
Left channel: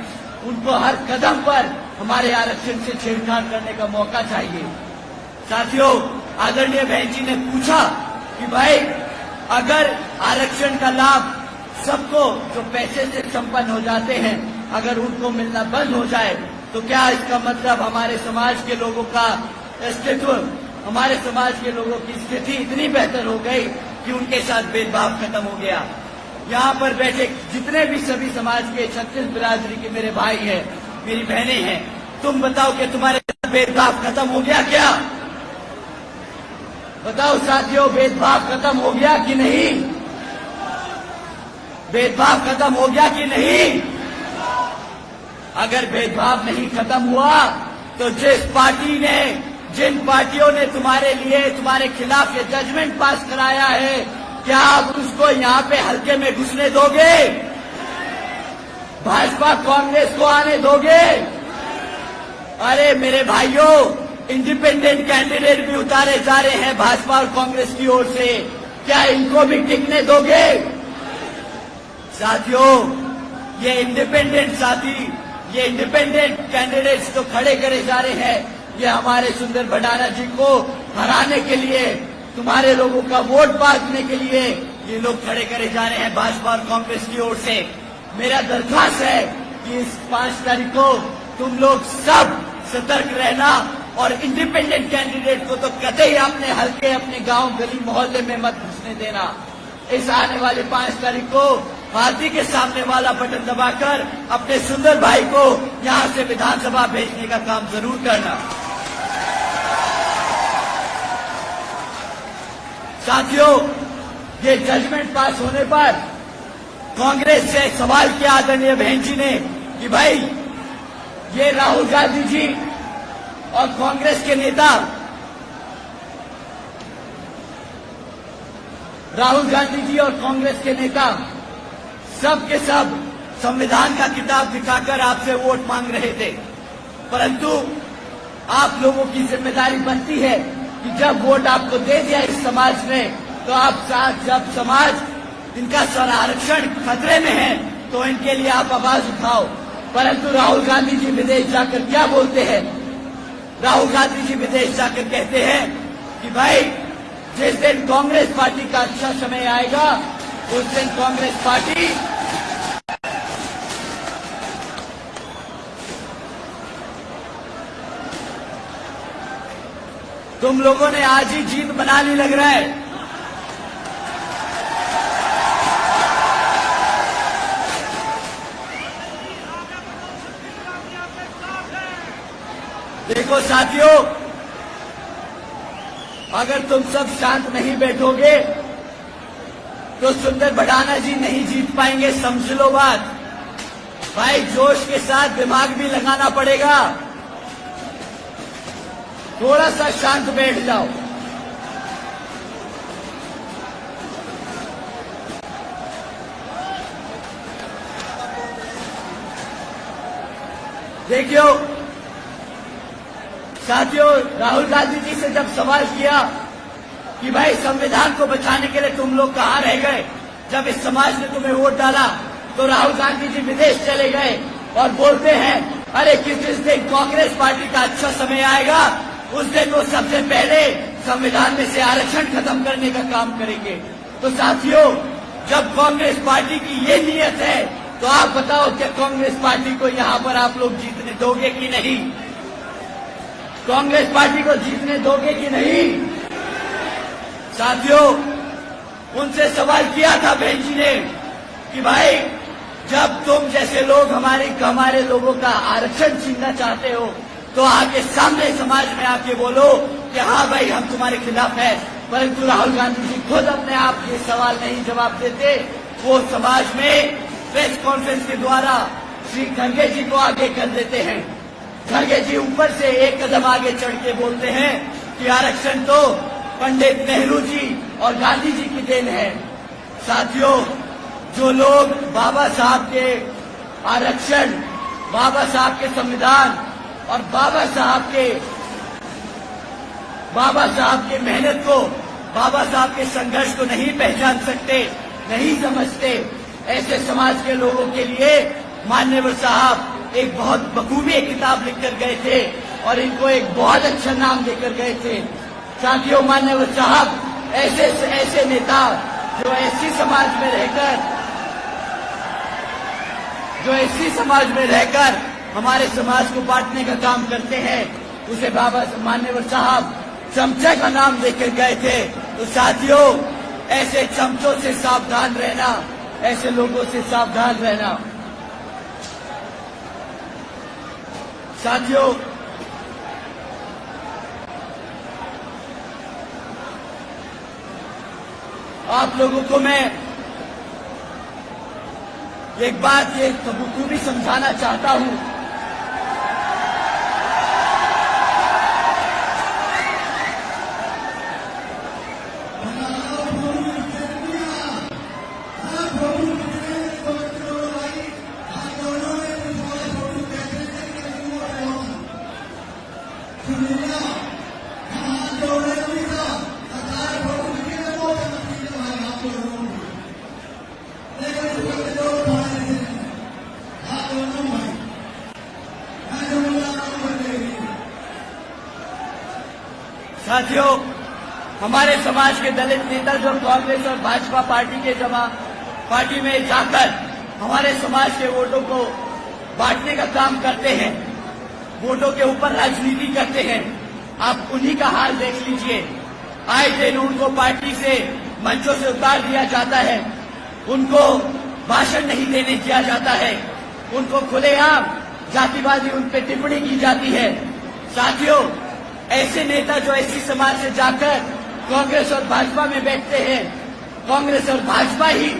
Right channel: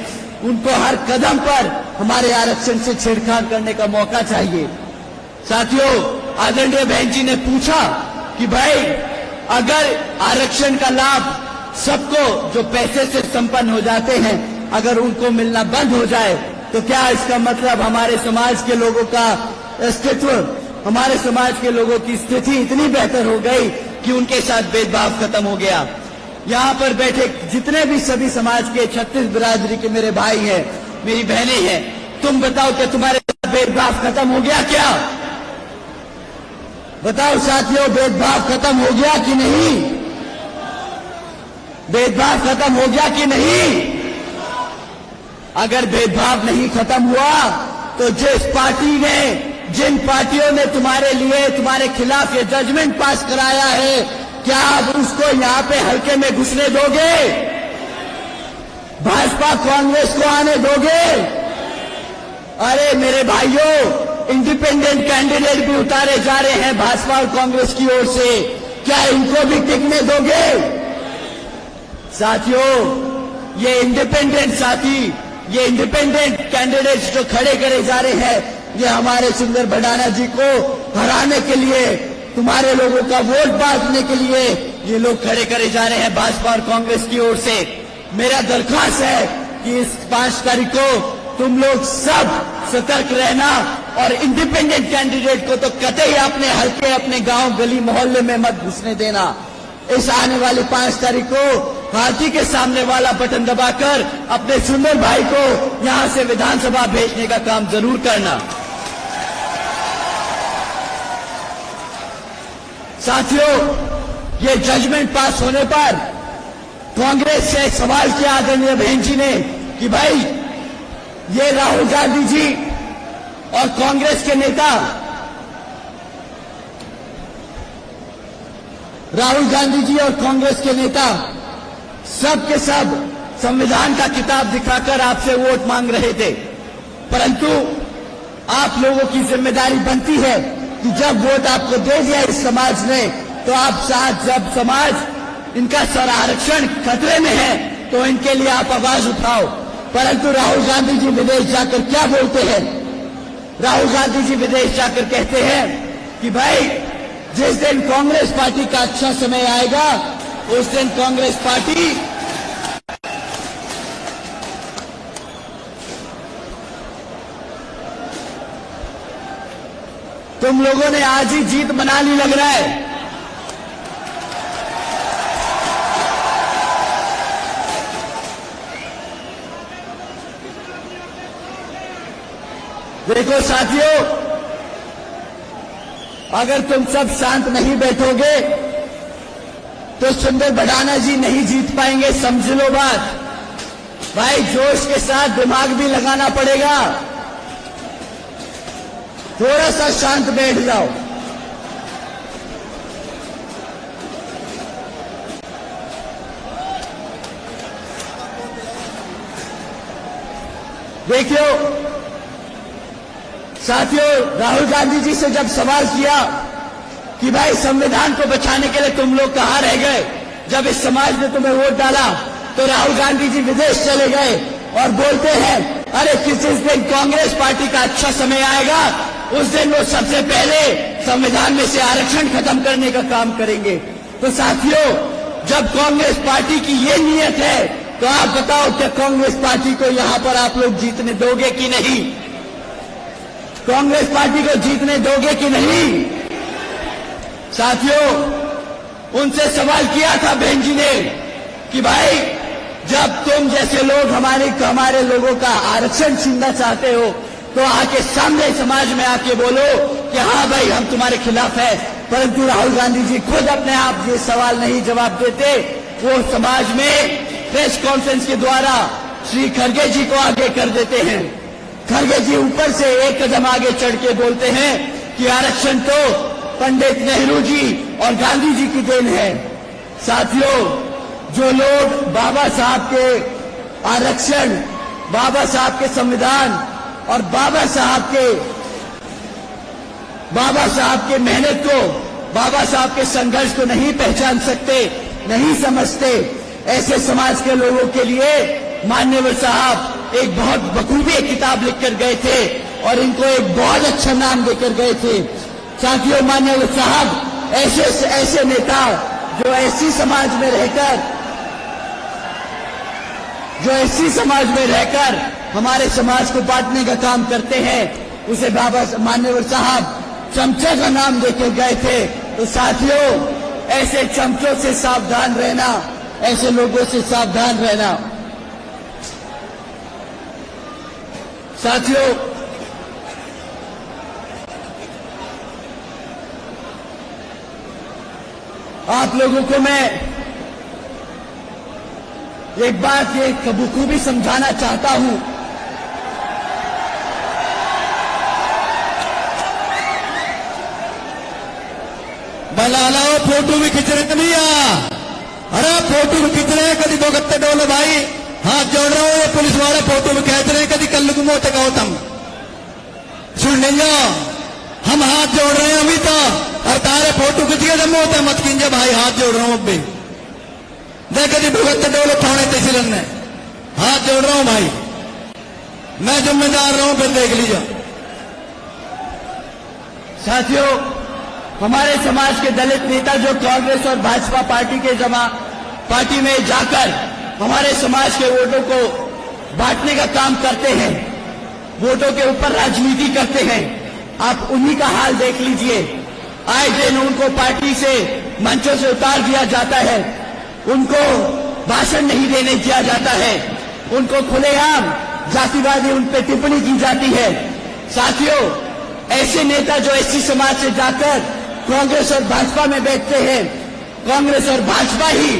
उनको हर कदम पर हमारे आरक्षण से छेड़छाड़ करने का मौका चाहिए। साथियों, आदरणीय बहन जी ने पूछा कि भाई अगर आरक्षण का लाभ सबको जो पैसे से संपन्न हो जाते हैं अगर उनको मिलना बंद हो जाए तो क्या इसका मतलब हमारे समाज के लोगों का अस्तित्व, हमारे समाज के लोगों की स्थिति इतनी बेहतर हो गई कि उनके साथ भेदभाव खत्म हो गया। यहाँ पर बैठे जितने भी सभी समाज के 36 बिरादरी के मेरे भाई हैं, मेरी बहनें हैं, तुम बताओ कि तुम्हारे साथ भेदभाव खत्म हो गया क्या? बताओ साथियों, भेदभाव खत्म हो गया कि नहीं? भेदभाव खत्म हो गया कि नहीं? अगर भेदभाव नहीं खत्म हुआ तो जिन पार्टियों ने तुम्हारे लिए तुम्हारे खिलाफ ये जजमेंट पास कराया है, क्या आप उसको यहाँ पे हल्के में घुसने दोगे? भाजपा कांग्रेस को आने दोगे? अरे मेरे भाइयों, इंडिपेंडेंट कैंडिडेट भी उतारे जा रहे हैं भाजपा और कांग्रेस की ओर से, क्या इनको भी टिकने दोगे? साथियों, ये इंडिपेंडेंट कैंडिडेट्स जो खड़े करे जा रहे हैं, ये हमारे सुंदर भडाना जी को हराने के लिए, तुम्हारे लोगों का वोट बांटने के लिए ये लोग खड़े करे जा रहे हैं भाजपा और कांग्रेस की ओर से। मेरा दरख्वास्त है कि इस 5 तारीख को तुम लोग सब सतर्क रहना और इंडिपेंडेंट कैंडिडेट को तो कतई अपने हल्के, अपने गांव, गली, मोहल्ले में मत घुसने देना। इस आने वाले 5 तारीख को हाथी के सामने वाला बटन दबाकर अपने सुंदर भाई को यहां से विधानसभा भेजने का काम जरूर करना। साथियों, ये जजमेंट पास होने पर कांग्रेस से सवाल किया आदरणीय बहन जी ने कि भाई ये राहुल गांधी जी और कांग्रेस के नेता, राहुल गांधी जी और कांग्रेस के नेता सब के सब संविधान का किताब दिखाकर आपसे वोट मांग रहे थे, परंतु आप लोगों की जिम्मेदारी बनती है कि जब वोट आपको दे दिया इस समाज ने, तो आप साथ जब समाज इनका आरक्षण खतरे में है तो इनके लिए आप आवाज उठाओ। परंतु राहुल गांधी जी विदेश जाकर क्या बोलते हैं? राहुल गांधी जी विदेश जाकर कहते हैं कि भाई जिस दिन कांग्रेस पार्टी का अच्छा समय आएगा उस दिन कांग्रेस पार्टी तुम लोगों ने आज ही जीत बना ली लग रहा है। देखो साथियों, अगर तुम सब शांत नहीं बैठोगे तो सुंदर भडाना जी नहीं जीत पाएंगे, समझ लो बात। भाई जोश के साथ दिमाग भी लगाना पड़ेगा, थोड़ा सा शांत बैठ जाओ। देखियो साथियों, राहुल गांधी जी से जब सवाल किया कि भाई संविधान को बचाने के लिए तुम लोग कहां रह गए, जब इस समाज ने तुम्हें वोट डाला, तो राहुल गांधी जी विदेश चले गए और बोलते हैं अरे जिस दिन कांग्रेस पार्टी का अच्छा समय आएगा उस दिन वो सबसे पहले संविधान में से आरक्षण खत्म करने का काम करेंगे। तो साथियों, जब कांग्रेस पार्टी की ये नीयत है तो आप बताओ क्या कांग्रेस पार्टी को यहां पर आप लोग जीतने दोगे कि नहीं? कांग्रेस पार्टी को जीतने दोगे कि नहीं? साथियों, उनसे सवाल किया था बहन जी ने कि भाई जब तुम जैसे लोग हमारे लोगों का आरक्षण छीनना चाहते हो तो आके सामने समाज में आके बोलो कि हाँ भाई हम तुम्हारे खिलाफ है। परंतु राहुल गांधी जी खुद अपने आप ये सवाल नहीं जवाब देते, वो समाज में प्रेस कॉन्फ्रेंस के द्वारा श्री खड़गे जी को आगे कर देते हैं। खड़गे जी ऊपर से एक कदम आगे चढ़ के बोलते हैं कि आरक्षण तो पंडित नेहरू जी और गांधी जी की देन है। साथियों, जो लोग बाबा साहब के आरक्षण, बाबा साहब के संविधान और बाबा साहब के मेहनत को, बाबा साहब के संघर्ष को नहीं पहचान सकते, नहीं समझते, ऐसे समाज के लोगों के लिए माननीय साहब एक बहुत बखूबी किताब लिखकर गए थे और इनको एक बहुत अच्छा नाम देकर गए थे। साथियों, माननीय साहब ऐसे नेता जो ऐसी समाज में रहकर हमारे समाज को बांटने का काम करते हैं, उसे बाबा माननीय साहब चमचे का नाम देकर गए थे। तो साथियों, ऐसे चमचों से सावधान रहना, ऐसे लोगों से सावधान रहना। साथियों, आप लोगों को मैं एक बात ये बखूबी समझाना चाहता हूं। बलाला फोटो भी खिंच रहे भैया, अरे फोटो भी खिंच रहे, कभी दो गत्ते डोलो भाई, हाथ जोड़ रहा हूं। ये पुलिस वाले फोटो भी खींच रहे, कभी कल्लू को मोते गौतम सुन लो, हम हाथ जोड़ रहे हैं अभी तो, और तारे फोटो खिंच गए मोते मत कीजिए भाई, हाथ जोड़ रहा हूं अभी। देख कभी भुगत डोलो थोड़े तहसीलन ने, हाथ जोड़ रहा हूं भाई, मैं जिम्मेदार रहा हूं, फिर देख लीजिए। साथियों, हमारे समाज के दलित नेता जो कांग्रेस और भाजपा पार्टी में जाकर हमारे समाज के वोटों को बांटने का काम करते हैं, वोटों के ऊपर राजनीति करते हैं, आप उन्हीं का हाल देख लीजिए। आए दिन उनको पार्टी से मंचों से उतार दिया जाता है, उनको भाषण नहीं देने दिया जाता है, उनको खुलेआम जातिवादी उन पर टिप्पणी की जाती है। साथियों, ऐसे नेता जो एससी समाज से जाकर कांग्रेस और भाजपा में बैठते हैं, कांग्रेस और भाजपा ही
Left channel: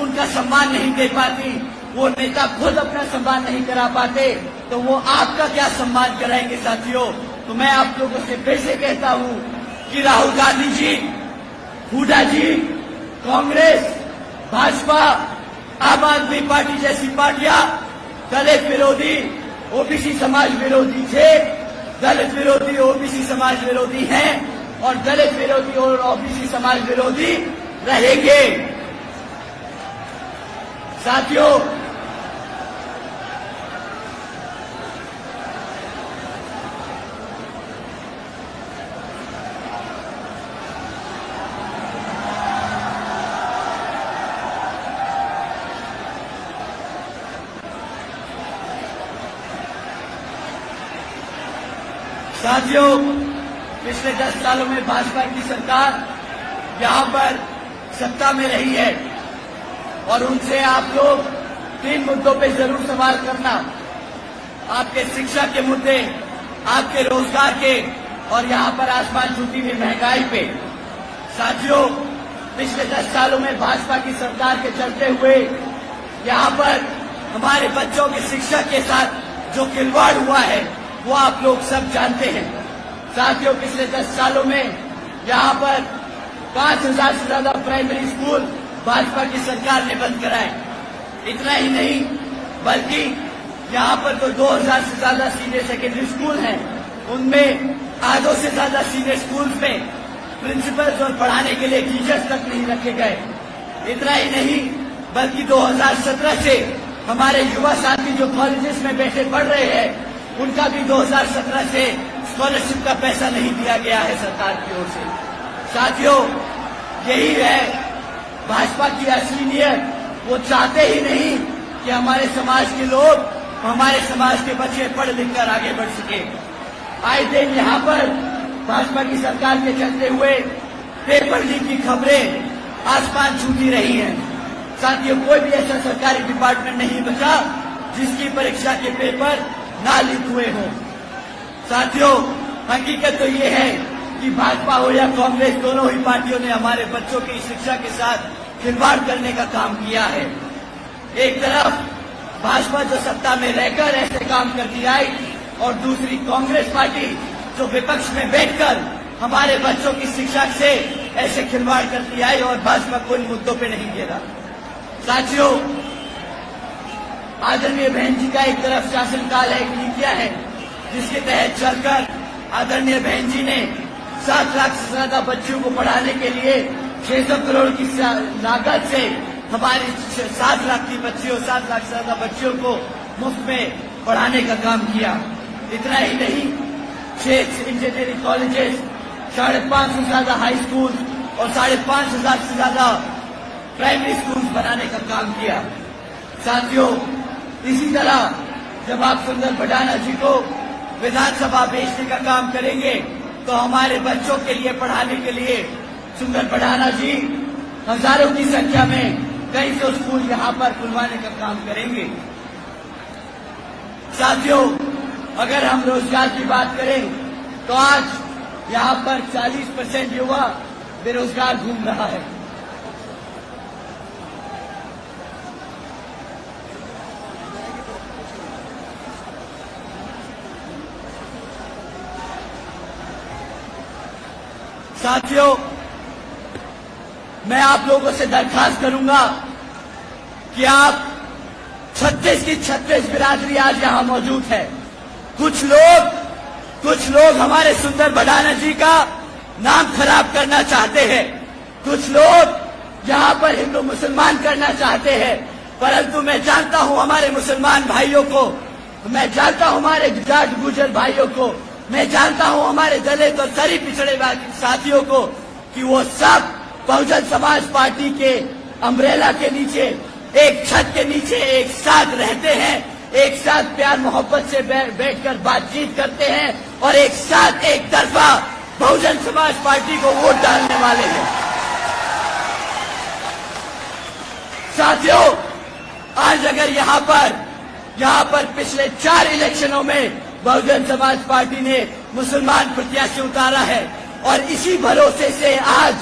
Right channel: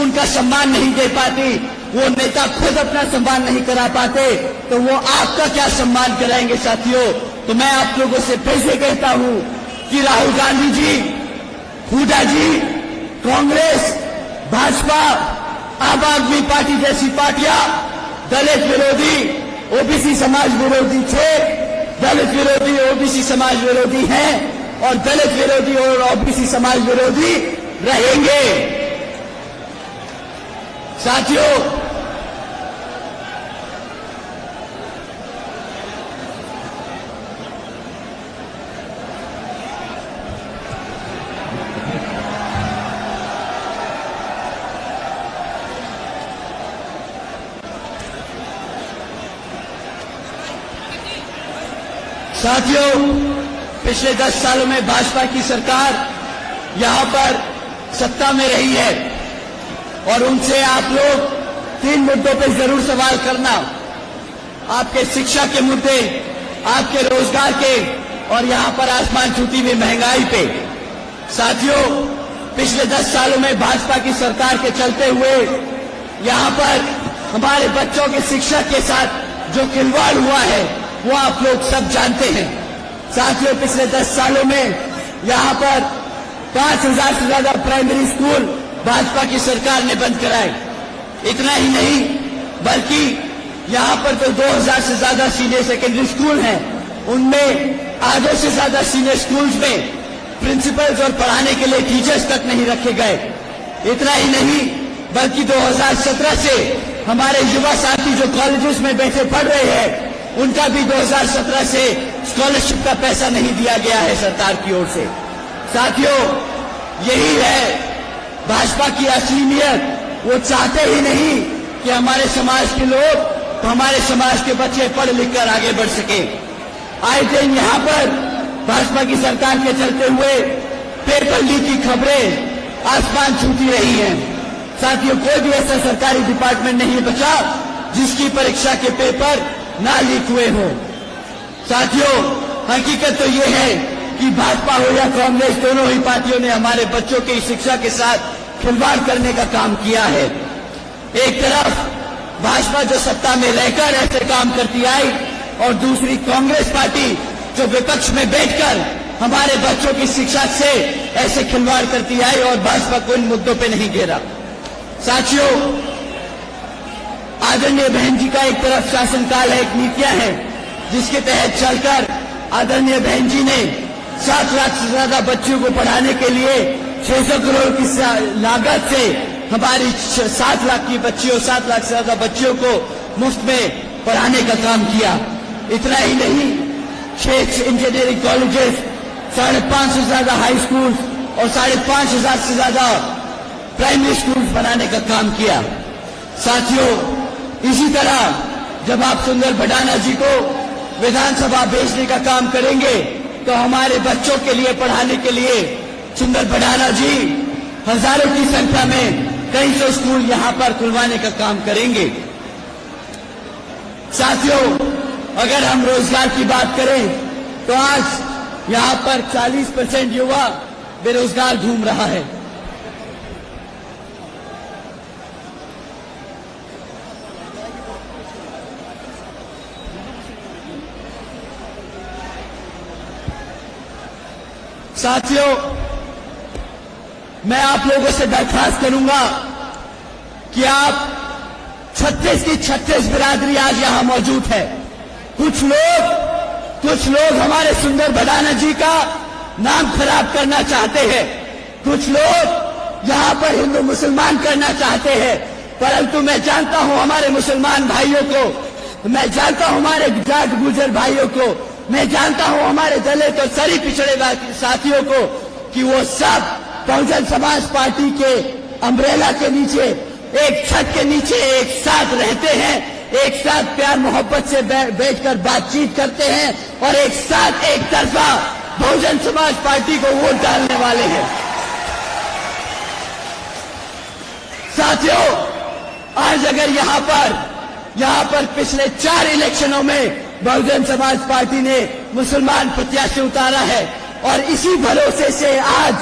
उनका सम्मान नहीं दे पाती, वो नेता खुद अपना सम्मान नहीं करा पाते, तो वो आपका क्या सम्मान कराएंगे? साथियों, तो मैं आप लोगों से फिर से कहता हूं कि राहुल गांधी जी, हुड्डा जी, कांग्रेस, भाजपा, आम आदमी पार्टी जैसी पार्टियां दलित विरोधी, ओबीसी समाज विरोधी थे, दलित विरोधी ओबीसी समाज विरोधी है और दलित विरोधी और ओबीसी समाज विरोधी रहेंगे। साथियों, पिछले 10 सालों में भाजपा की सरकार यहां पर सत्ता में रही है और उनसे आप लोग 3 मुद्दों पे जरूर सवाल करना, आपके शिक्षा के मुद्दे, आपके रोजगार के और यहां पर आसमान छूती हुई महंगाई पे। साथियों, पिछले 10 सालों में भाजपा की सरकार के चलते हुए यहां पर हमारे बच्चों की शिक्षा के साथ जो खिलवाड़ हुआ है वो आप लोग सब जानते हैं। साथियों, पिछले 10 सालों में यहां पर 5000 से ज्यादा प्राइमरी स्कूल भाजपा की सरकार ने बंद कराए। इतना ही नहीं बल्कि यहां पर तो 2000 से ज्यादा सीनियर सेकेंडरी स्कूल हैं, उनमें आधों से ज्यादा सीनियर स्कूल्स में प्रिंसिपल्स और पढ़ाने के लिए टीचर्स तक नहीं रखे गए। इतना ही नहीं बल्कि 2017 से हमारे युवा साथी जो कॉलेजेस में बैठे पढ़ रहे हैं, उनका भी 2017 से स्कॉलरशिप का पैसा नहीं दिया गया है सरकार की ओर से। साथियों, यही है भाजपा की असली नीयत। वो चाहते ही नहीं कि हमारे समाज के लोग, हमारे समाज के बच्चे पढ़ लिख कर आगे बढ़ सके। आए दिन यहाँ पर भाजपा की सरकार के चलते हुए पेपर लीक की खबरें आसमान छूती रही हैं। साथियों, कोई भी ऐसा सरकारी डिपार्टमेंट नहीं बचा जिसकी परीक्षा के पेपर ना लीक हुए हो। साथियों, हकीकत तो ये है कि भाजपा हो या कांग्रेस, दोनों ही पार्टियों ने हमारे बच्चों की शिक्षा के साथ खिलवाड़ करने का काम किया है। एक तरफ भाजपा जो सत्ता में रहकर ऐसे काम करती आई, और दूसरी कांग्रेस पार्टी जो विपक्ष में बैठकर हमारे बच्चों की शिक्षा से ऐसे खिलवाड़ करती आई और भाजपा को इन मुद्दों पे नहीं घेरा। साथियों, आदरणीय बहन जी का एक तरफ शासनकाल है, एक नीतियां है जिसके तहत चलकर आदरणीय बहन जी ने 7 लाख से ज्यादा बच्चों को पढ़ाने के लिए 600 करोड़ की लागत से हमारी 7 लाख की बच्चियों, 7 लाख से ज्यादा बच्चियों को मुफ्त में पढ़ाने का काम किया। इतना ही नहीं, 6 इंजीनियरिंग कॉलेजेस, 5,500 से ज्यादा हाई स्कूल और 5,500 से ज्यादा प्राइमरी स्कूल बनाने का काम किया। साथियों, इसी तरह जब आप सुंदर भडाना जी को विधानसभा भेजने का काम करेंगे तो हमारे बच्चों के लिए पढ़ाने के लिए सुंदर भडाना जी हजारों की संख्या में कई सौ स्कूल यहां पर खुलवाने का काम करेंगे। साथियों, अगर हम रोजगार की बात करें तो आज यहां पर 40% युवा बेरोजगार घूम रहा है। साथियों, मैं आप लोगों से दरख्वास्त करूंगा कि आप 36 की 36 बिरादरी आज यहां मौजूद है। कुछ लोग हमारे सुंदर भडाना जी का नाम खराब करना चाहते हैं, कुछ लोग यहां पर हिंदू मुसलमान करना चाहते हैं, परंतु मैं जानता हूं हमारे मुसलमान भाइयों को, मैं जानता हूं हमारे जाट गुजर भाइयों को, मैं जानता हूं हमारे दलित और सभी पिछड़े साथियों को कि वो सब बहुजन समाज पार्टी के अम्ब्रेला के नीचे, एक छत के नीचे एक साथ रहते हैं, एक साथ प्यार मोहब्बत से बैठकर बातचीत करते हैं और एक साथ एक तरफा बहुजन समाज पार्टी को वोट डालने वाले हैं। साथियों, आज अगर यहां पर पिछले 4 इलेक्शनों में बहुजन समाज पार्टी ने मुसलमान प्रत्याशी उतारा है और इसी भरोसे से आज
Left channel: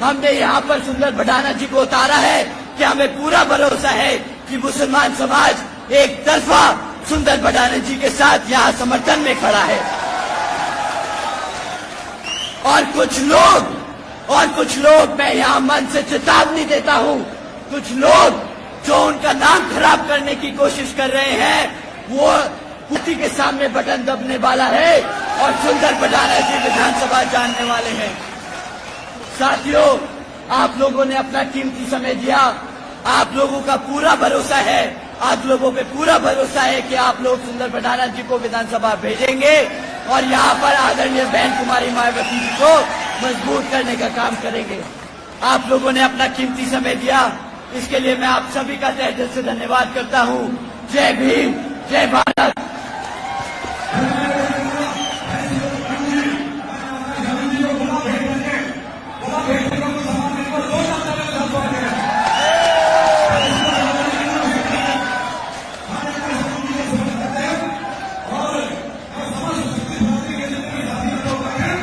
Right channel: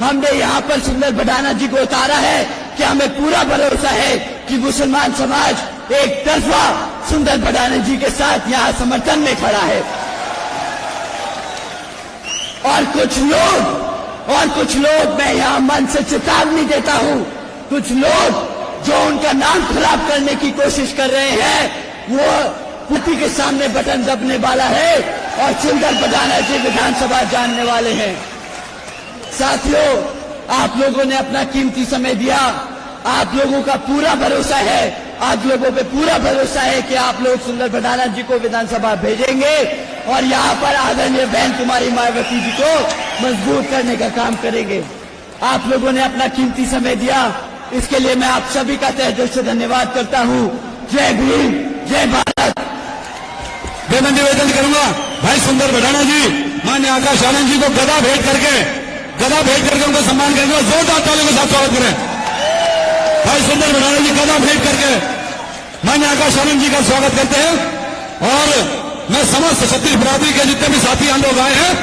हमने यहां पर सुंदर भडाना जी को उतारा है कि हमें पूरा भरोसा है कि मुसलमान समाज एक तरफा सुंदर भडाना जी के साथ यहां समर्थन में खड़ा है। और कुछ लोग मैं यहां मन से चेतावनी देता हूं, कुछ लोग जो उनका नाम खराब करने की कोशिश कर रहे हैं, वो पुटी के सामने बटन दबने वाला है और सुंदर भडाना जी विधानसभा जानने वाले हैं। साथियों, आप लोगों ने अपना कीमती समय दिया, आप लोगों का पूरा भरोसा है, आप लोगों पे पूरा भरोसा है कि आप लोग सुंदर भडाना जी को विधानसभा भेजेंगे और यहाँ पर आदरणीय बहन कुमारी मायावती जी को मजबूत करने का काम करेंगे। आप लोगों ने अपना कीमती समय दिया, इसके लिए मैं आप सभी का तहे दिल से धन्यवाद करता हूँ। जय भीम, जय भारत। मैं निवेदन करूंगा भाई सुंदर भडाना जी, मान्य आकाश आनंद जी को गदा भेंट करके उनको सम्मान करेंगे और जोरदार तालियों के साथ स्वागत करें। भाई सुंदर भडाना जी गदा भेंट करके मान्य आकाश आनंद जी का स्वागत करते हैं। और मैं समस्त क्षत्रिय बिरादरी के जितने भी साथी हम लोग आए हैं,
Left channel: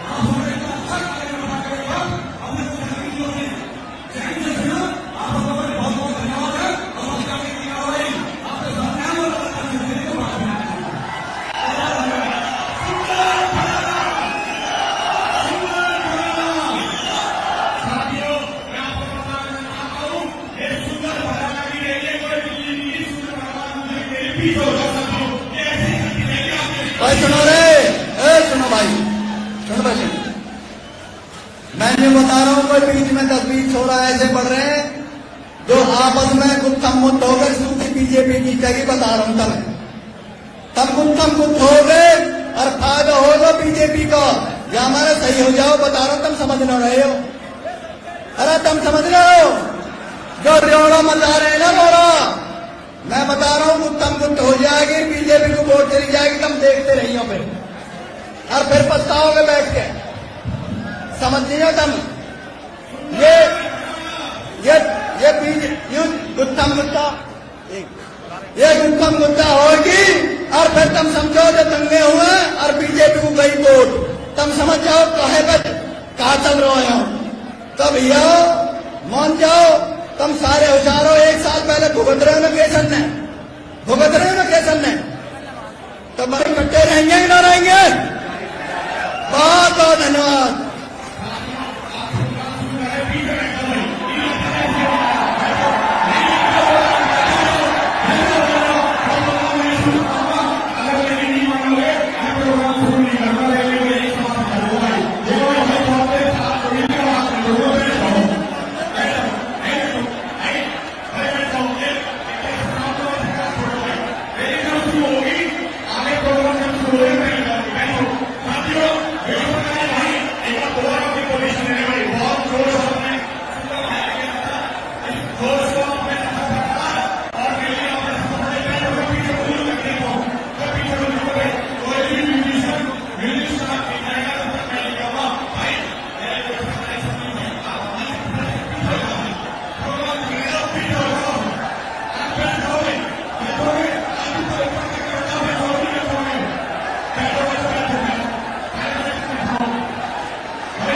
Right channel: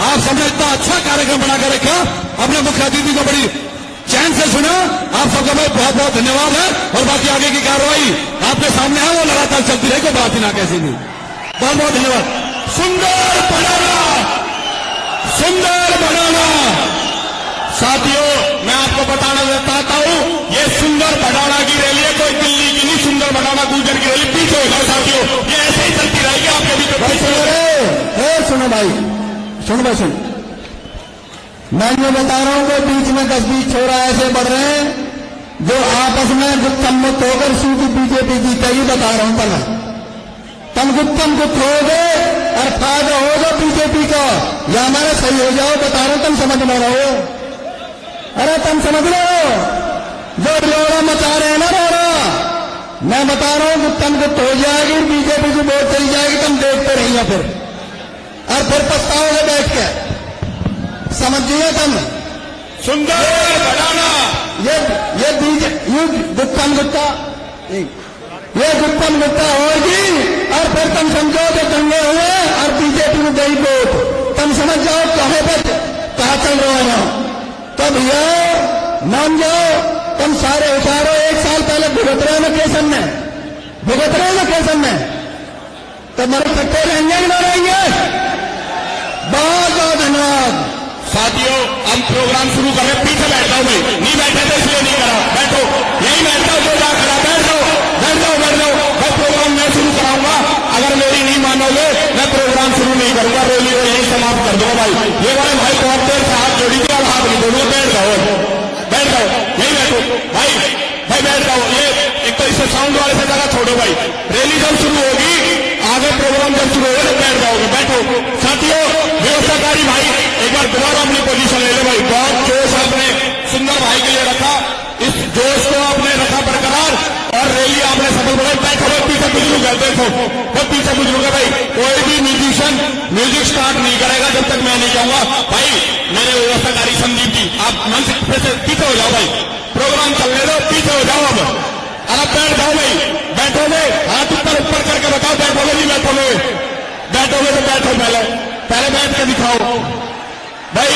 आप सबने इतना अच्छा कार्यक्रम बनाकर रखा, अपने मुख्य अतिथि को बड़ी चैन से सुना, आप सबका मैं बहुत बहुत धन्यवाद है। और बाकी आगे की कार्रवाई आपके सामने है, वो लगातार चलती रहेगी, बात ही ना कैसी भी। बहुत बहुत धन्यवाद। सुंदर भडाना, सुंदर भडाना। साथियों, मैं आपको बताना चाहता हूं, ये सुंदर भडाना की रैली है, कोई दिल्ली की नहीं, सुंदर भडाना गुजर की रैली पीछे होगा। साथियों, ये ऐसे ही चलती रहेगी, आपके भी सुनो भाई, मैं जो बता रहा हूं, कोई बीच में 10-20 छोरा ऐसे बढ़ रहे हैं जो आपस में गुप्त होकर सूखी बीजेपी या हमारे सही हो जाओ, बता रहे हो, तुम समझ ना रहे हो। अरे तुम समझ रहे हो, जो लोग बता रहे ना बोलो, मैं बता रहा हूं गुप्तम गुप्त हो जाएगी, बीजेपी की वोट चली जाएगी, तुम देखते रहिए फिर, और फिर पछताओगे बैठ के, समझिए तुम। सुंदर बढ़ाना ये गुप्तम गुप्ता, ये गुप्तम गुप्ता होगी, और फिर तुम समझोगे दंगे हुए और बीजेपी को गई वोट, तुम समझ जाओ कहां चल रहा हो। तो भैया मान जाओ, तुम सारे उठाओ, एक साल पहले भुगत रहे हो केसन में, भुगत रहे हो केसन में, तुम्हारे कट्टे रहेंगे ही ना रहेंगे। बहुत धन्यवाद साथियों, हम प्रोग्राम शुरू करें। पीछे बैठ जाओ भाई, नहीं बैठे तो इसलिए नहीं करा, बैठो, यही बैठ जाओ, प्रोग्राम करा, बैठ जाओ, बैठ जाओ, बैठ जाओ। मैं प्रोग्राम मैं शुरू कराऊंगा, अगर मेरी नहीं मानोगे मैं प्रोग्राम शुरू नहीं करूंगा, रैली को यही समाप्त कर दो भाई। ये वाले भाई बहुत देर से हाथ जोड़ी दिया, आप नहीं दोगे, बैठ जाओ, बैठ जाओ, यही बैठो भाई, भाई बैठ जाओ। ये एक तो इससे साउंड वाले से जगह छोड़ो भाई, रैली जब शुरू होगी, आगे प्रोग्राम जब शुरू होगा बैठ जाओगे, बैठो। साथियों, व्यवस्थाकारी भाई एक बार दोबारा अपनी पोजीशन ले लो भाई, बहुत जोश आपने सुंदर भाई के लिए रखा, इस जोश को आपने रखा बरकरार, और रैली आपने सफल बनाई। बैठो, पीछे बुजुर्ग है, देखो वो पीछे बुजुर्ग है भाई, कोई भी म्यूजिशियन म्यूजिक स्टार्ट नहीं करेगा जब तक मैं नहीं कहूंगा। भाई मेरे व्यवस्थाकारी संदीप जी, आप मंच से पीछे हो जाओ भाई, प्रोग्राम चलने दो, पीछे हो जाओ अब बैठ जाओ भाई, बैठोगे हाथ ऊपर ऊपर करके बताओ, बैठोगे नहीं बैठोगे, बैठोगे तो बैठो, पहले बैठ के दिखाओ भाई।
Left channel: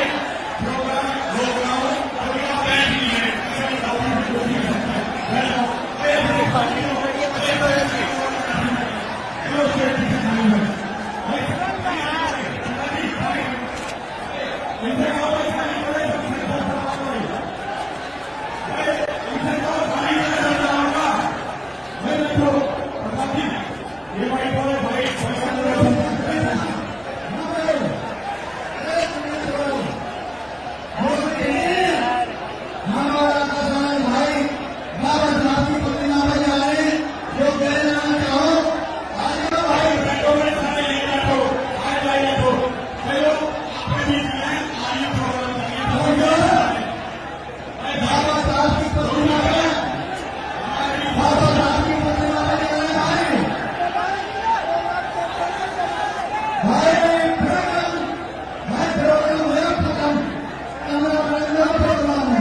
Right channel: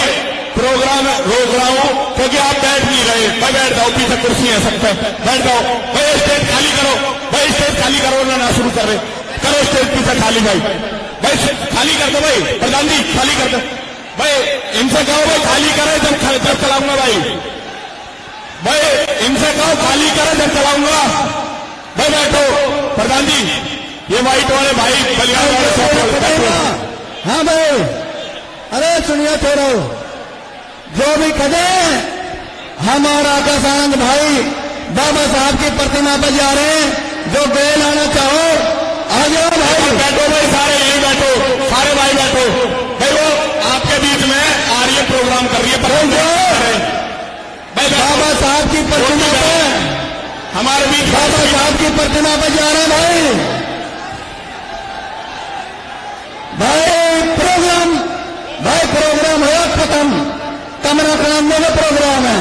प्रोग्राम रोक रहा हूं क्योंकि आप बैठ नहीं रहे, भाई बैठ जाओ, पीछे कुर्सी है सब पे, बैठ जाओ भाई, स्टेज खाली करो भाई, स्टेज खाली करो, ना शुरू कर रहे, करो स्टेज पीछे खाली भाई, भाई खाली कर दो भाई, प्रधान जी खाली कर दो भाई, इनसे कहो भाई खाली करे जब चलाऊंगा भाई, भाई इनसे कहो खाली करे जब चलाऊंगा भाई, बैठो प्रधान जी। ये व्हाइट वाले भाई बलिया वाले, हाँ भाई, अरे सुनिए तेरो, जो भी कदे हम और आकाश आनंद भाई बाबा साहब की प्रतिमा पर जा रहे हैं, जो गए लाना चाहो आ जाओ भाई, बैठो भाई, सारे यही बैठो, सारे भाई बैठो भाई, वो आपके बीच में आ रही है, प्रोग्राम कर रही है, पर भाई बाबा साहब की प्रतिमा पर, हमारे बीच बाबा साहब की प्रतिमा पर जा रहे हैं भाई, प्रोग्राम है खत्म, कमरा कराने का प्रोग्राम है,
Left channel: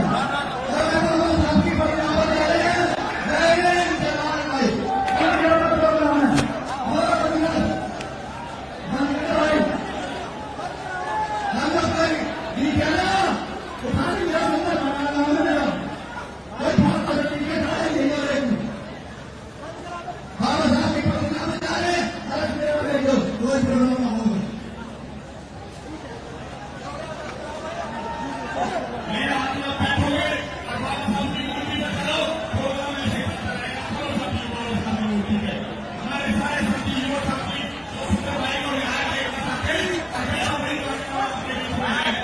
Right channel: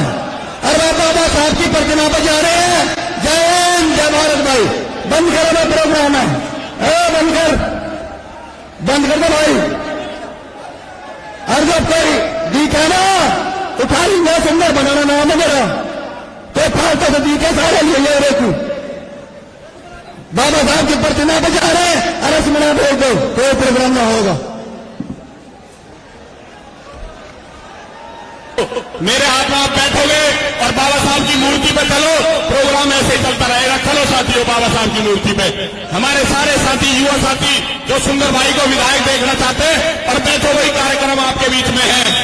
अरे बाबा साहब की प्रतिमा पर जा रहे हैं। जय हिंद, जय भारत भाई, बंद करो प्रोग्राम है, बंद कर दो भाई, और जब कोई दिखे ना उठा लेंगे, सुंदर बनाना नाम है मेरा, तो फालतू से दिखे सारे लिए रेखू, बाबा साहब की प्रतिमा पर जा रहे हैं, अरे सुना भेज दो, कोई प्रोग्राम ना होगा। मेरे हाथ में आप बैठोगे और बाबा साहब की मूर्ति पे चलो, प्रोग्राम ऐसे ही चलता रहेगा। चलो साथियों, बाबा साहब की मूर्ति पे हमारे सारे साथी, युवा साथी जो सुंदर भाई को विधायक देखना चाहते हैं, और बैठो, वही कार्यक्रम आपके बीच में है।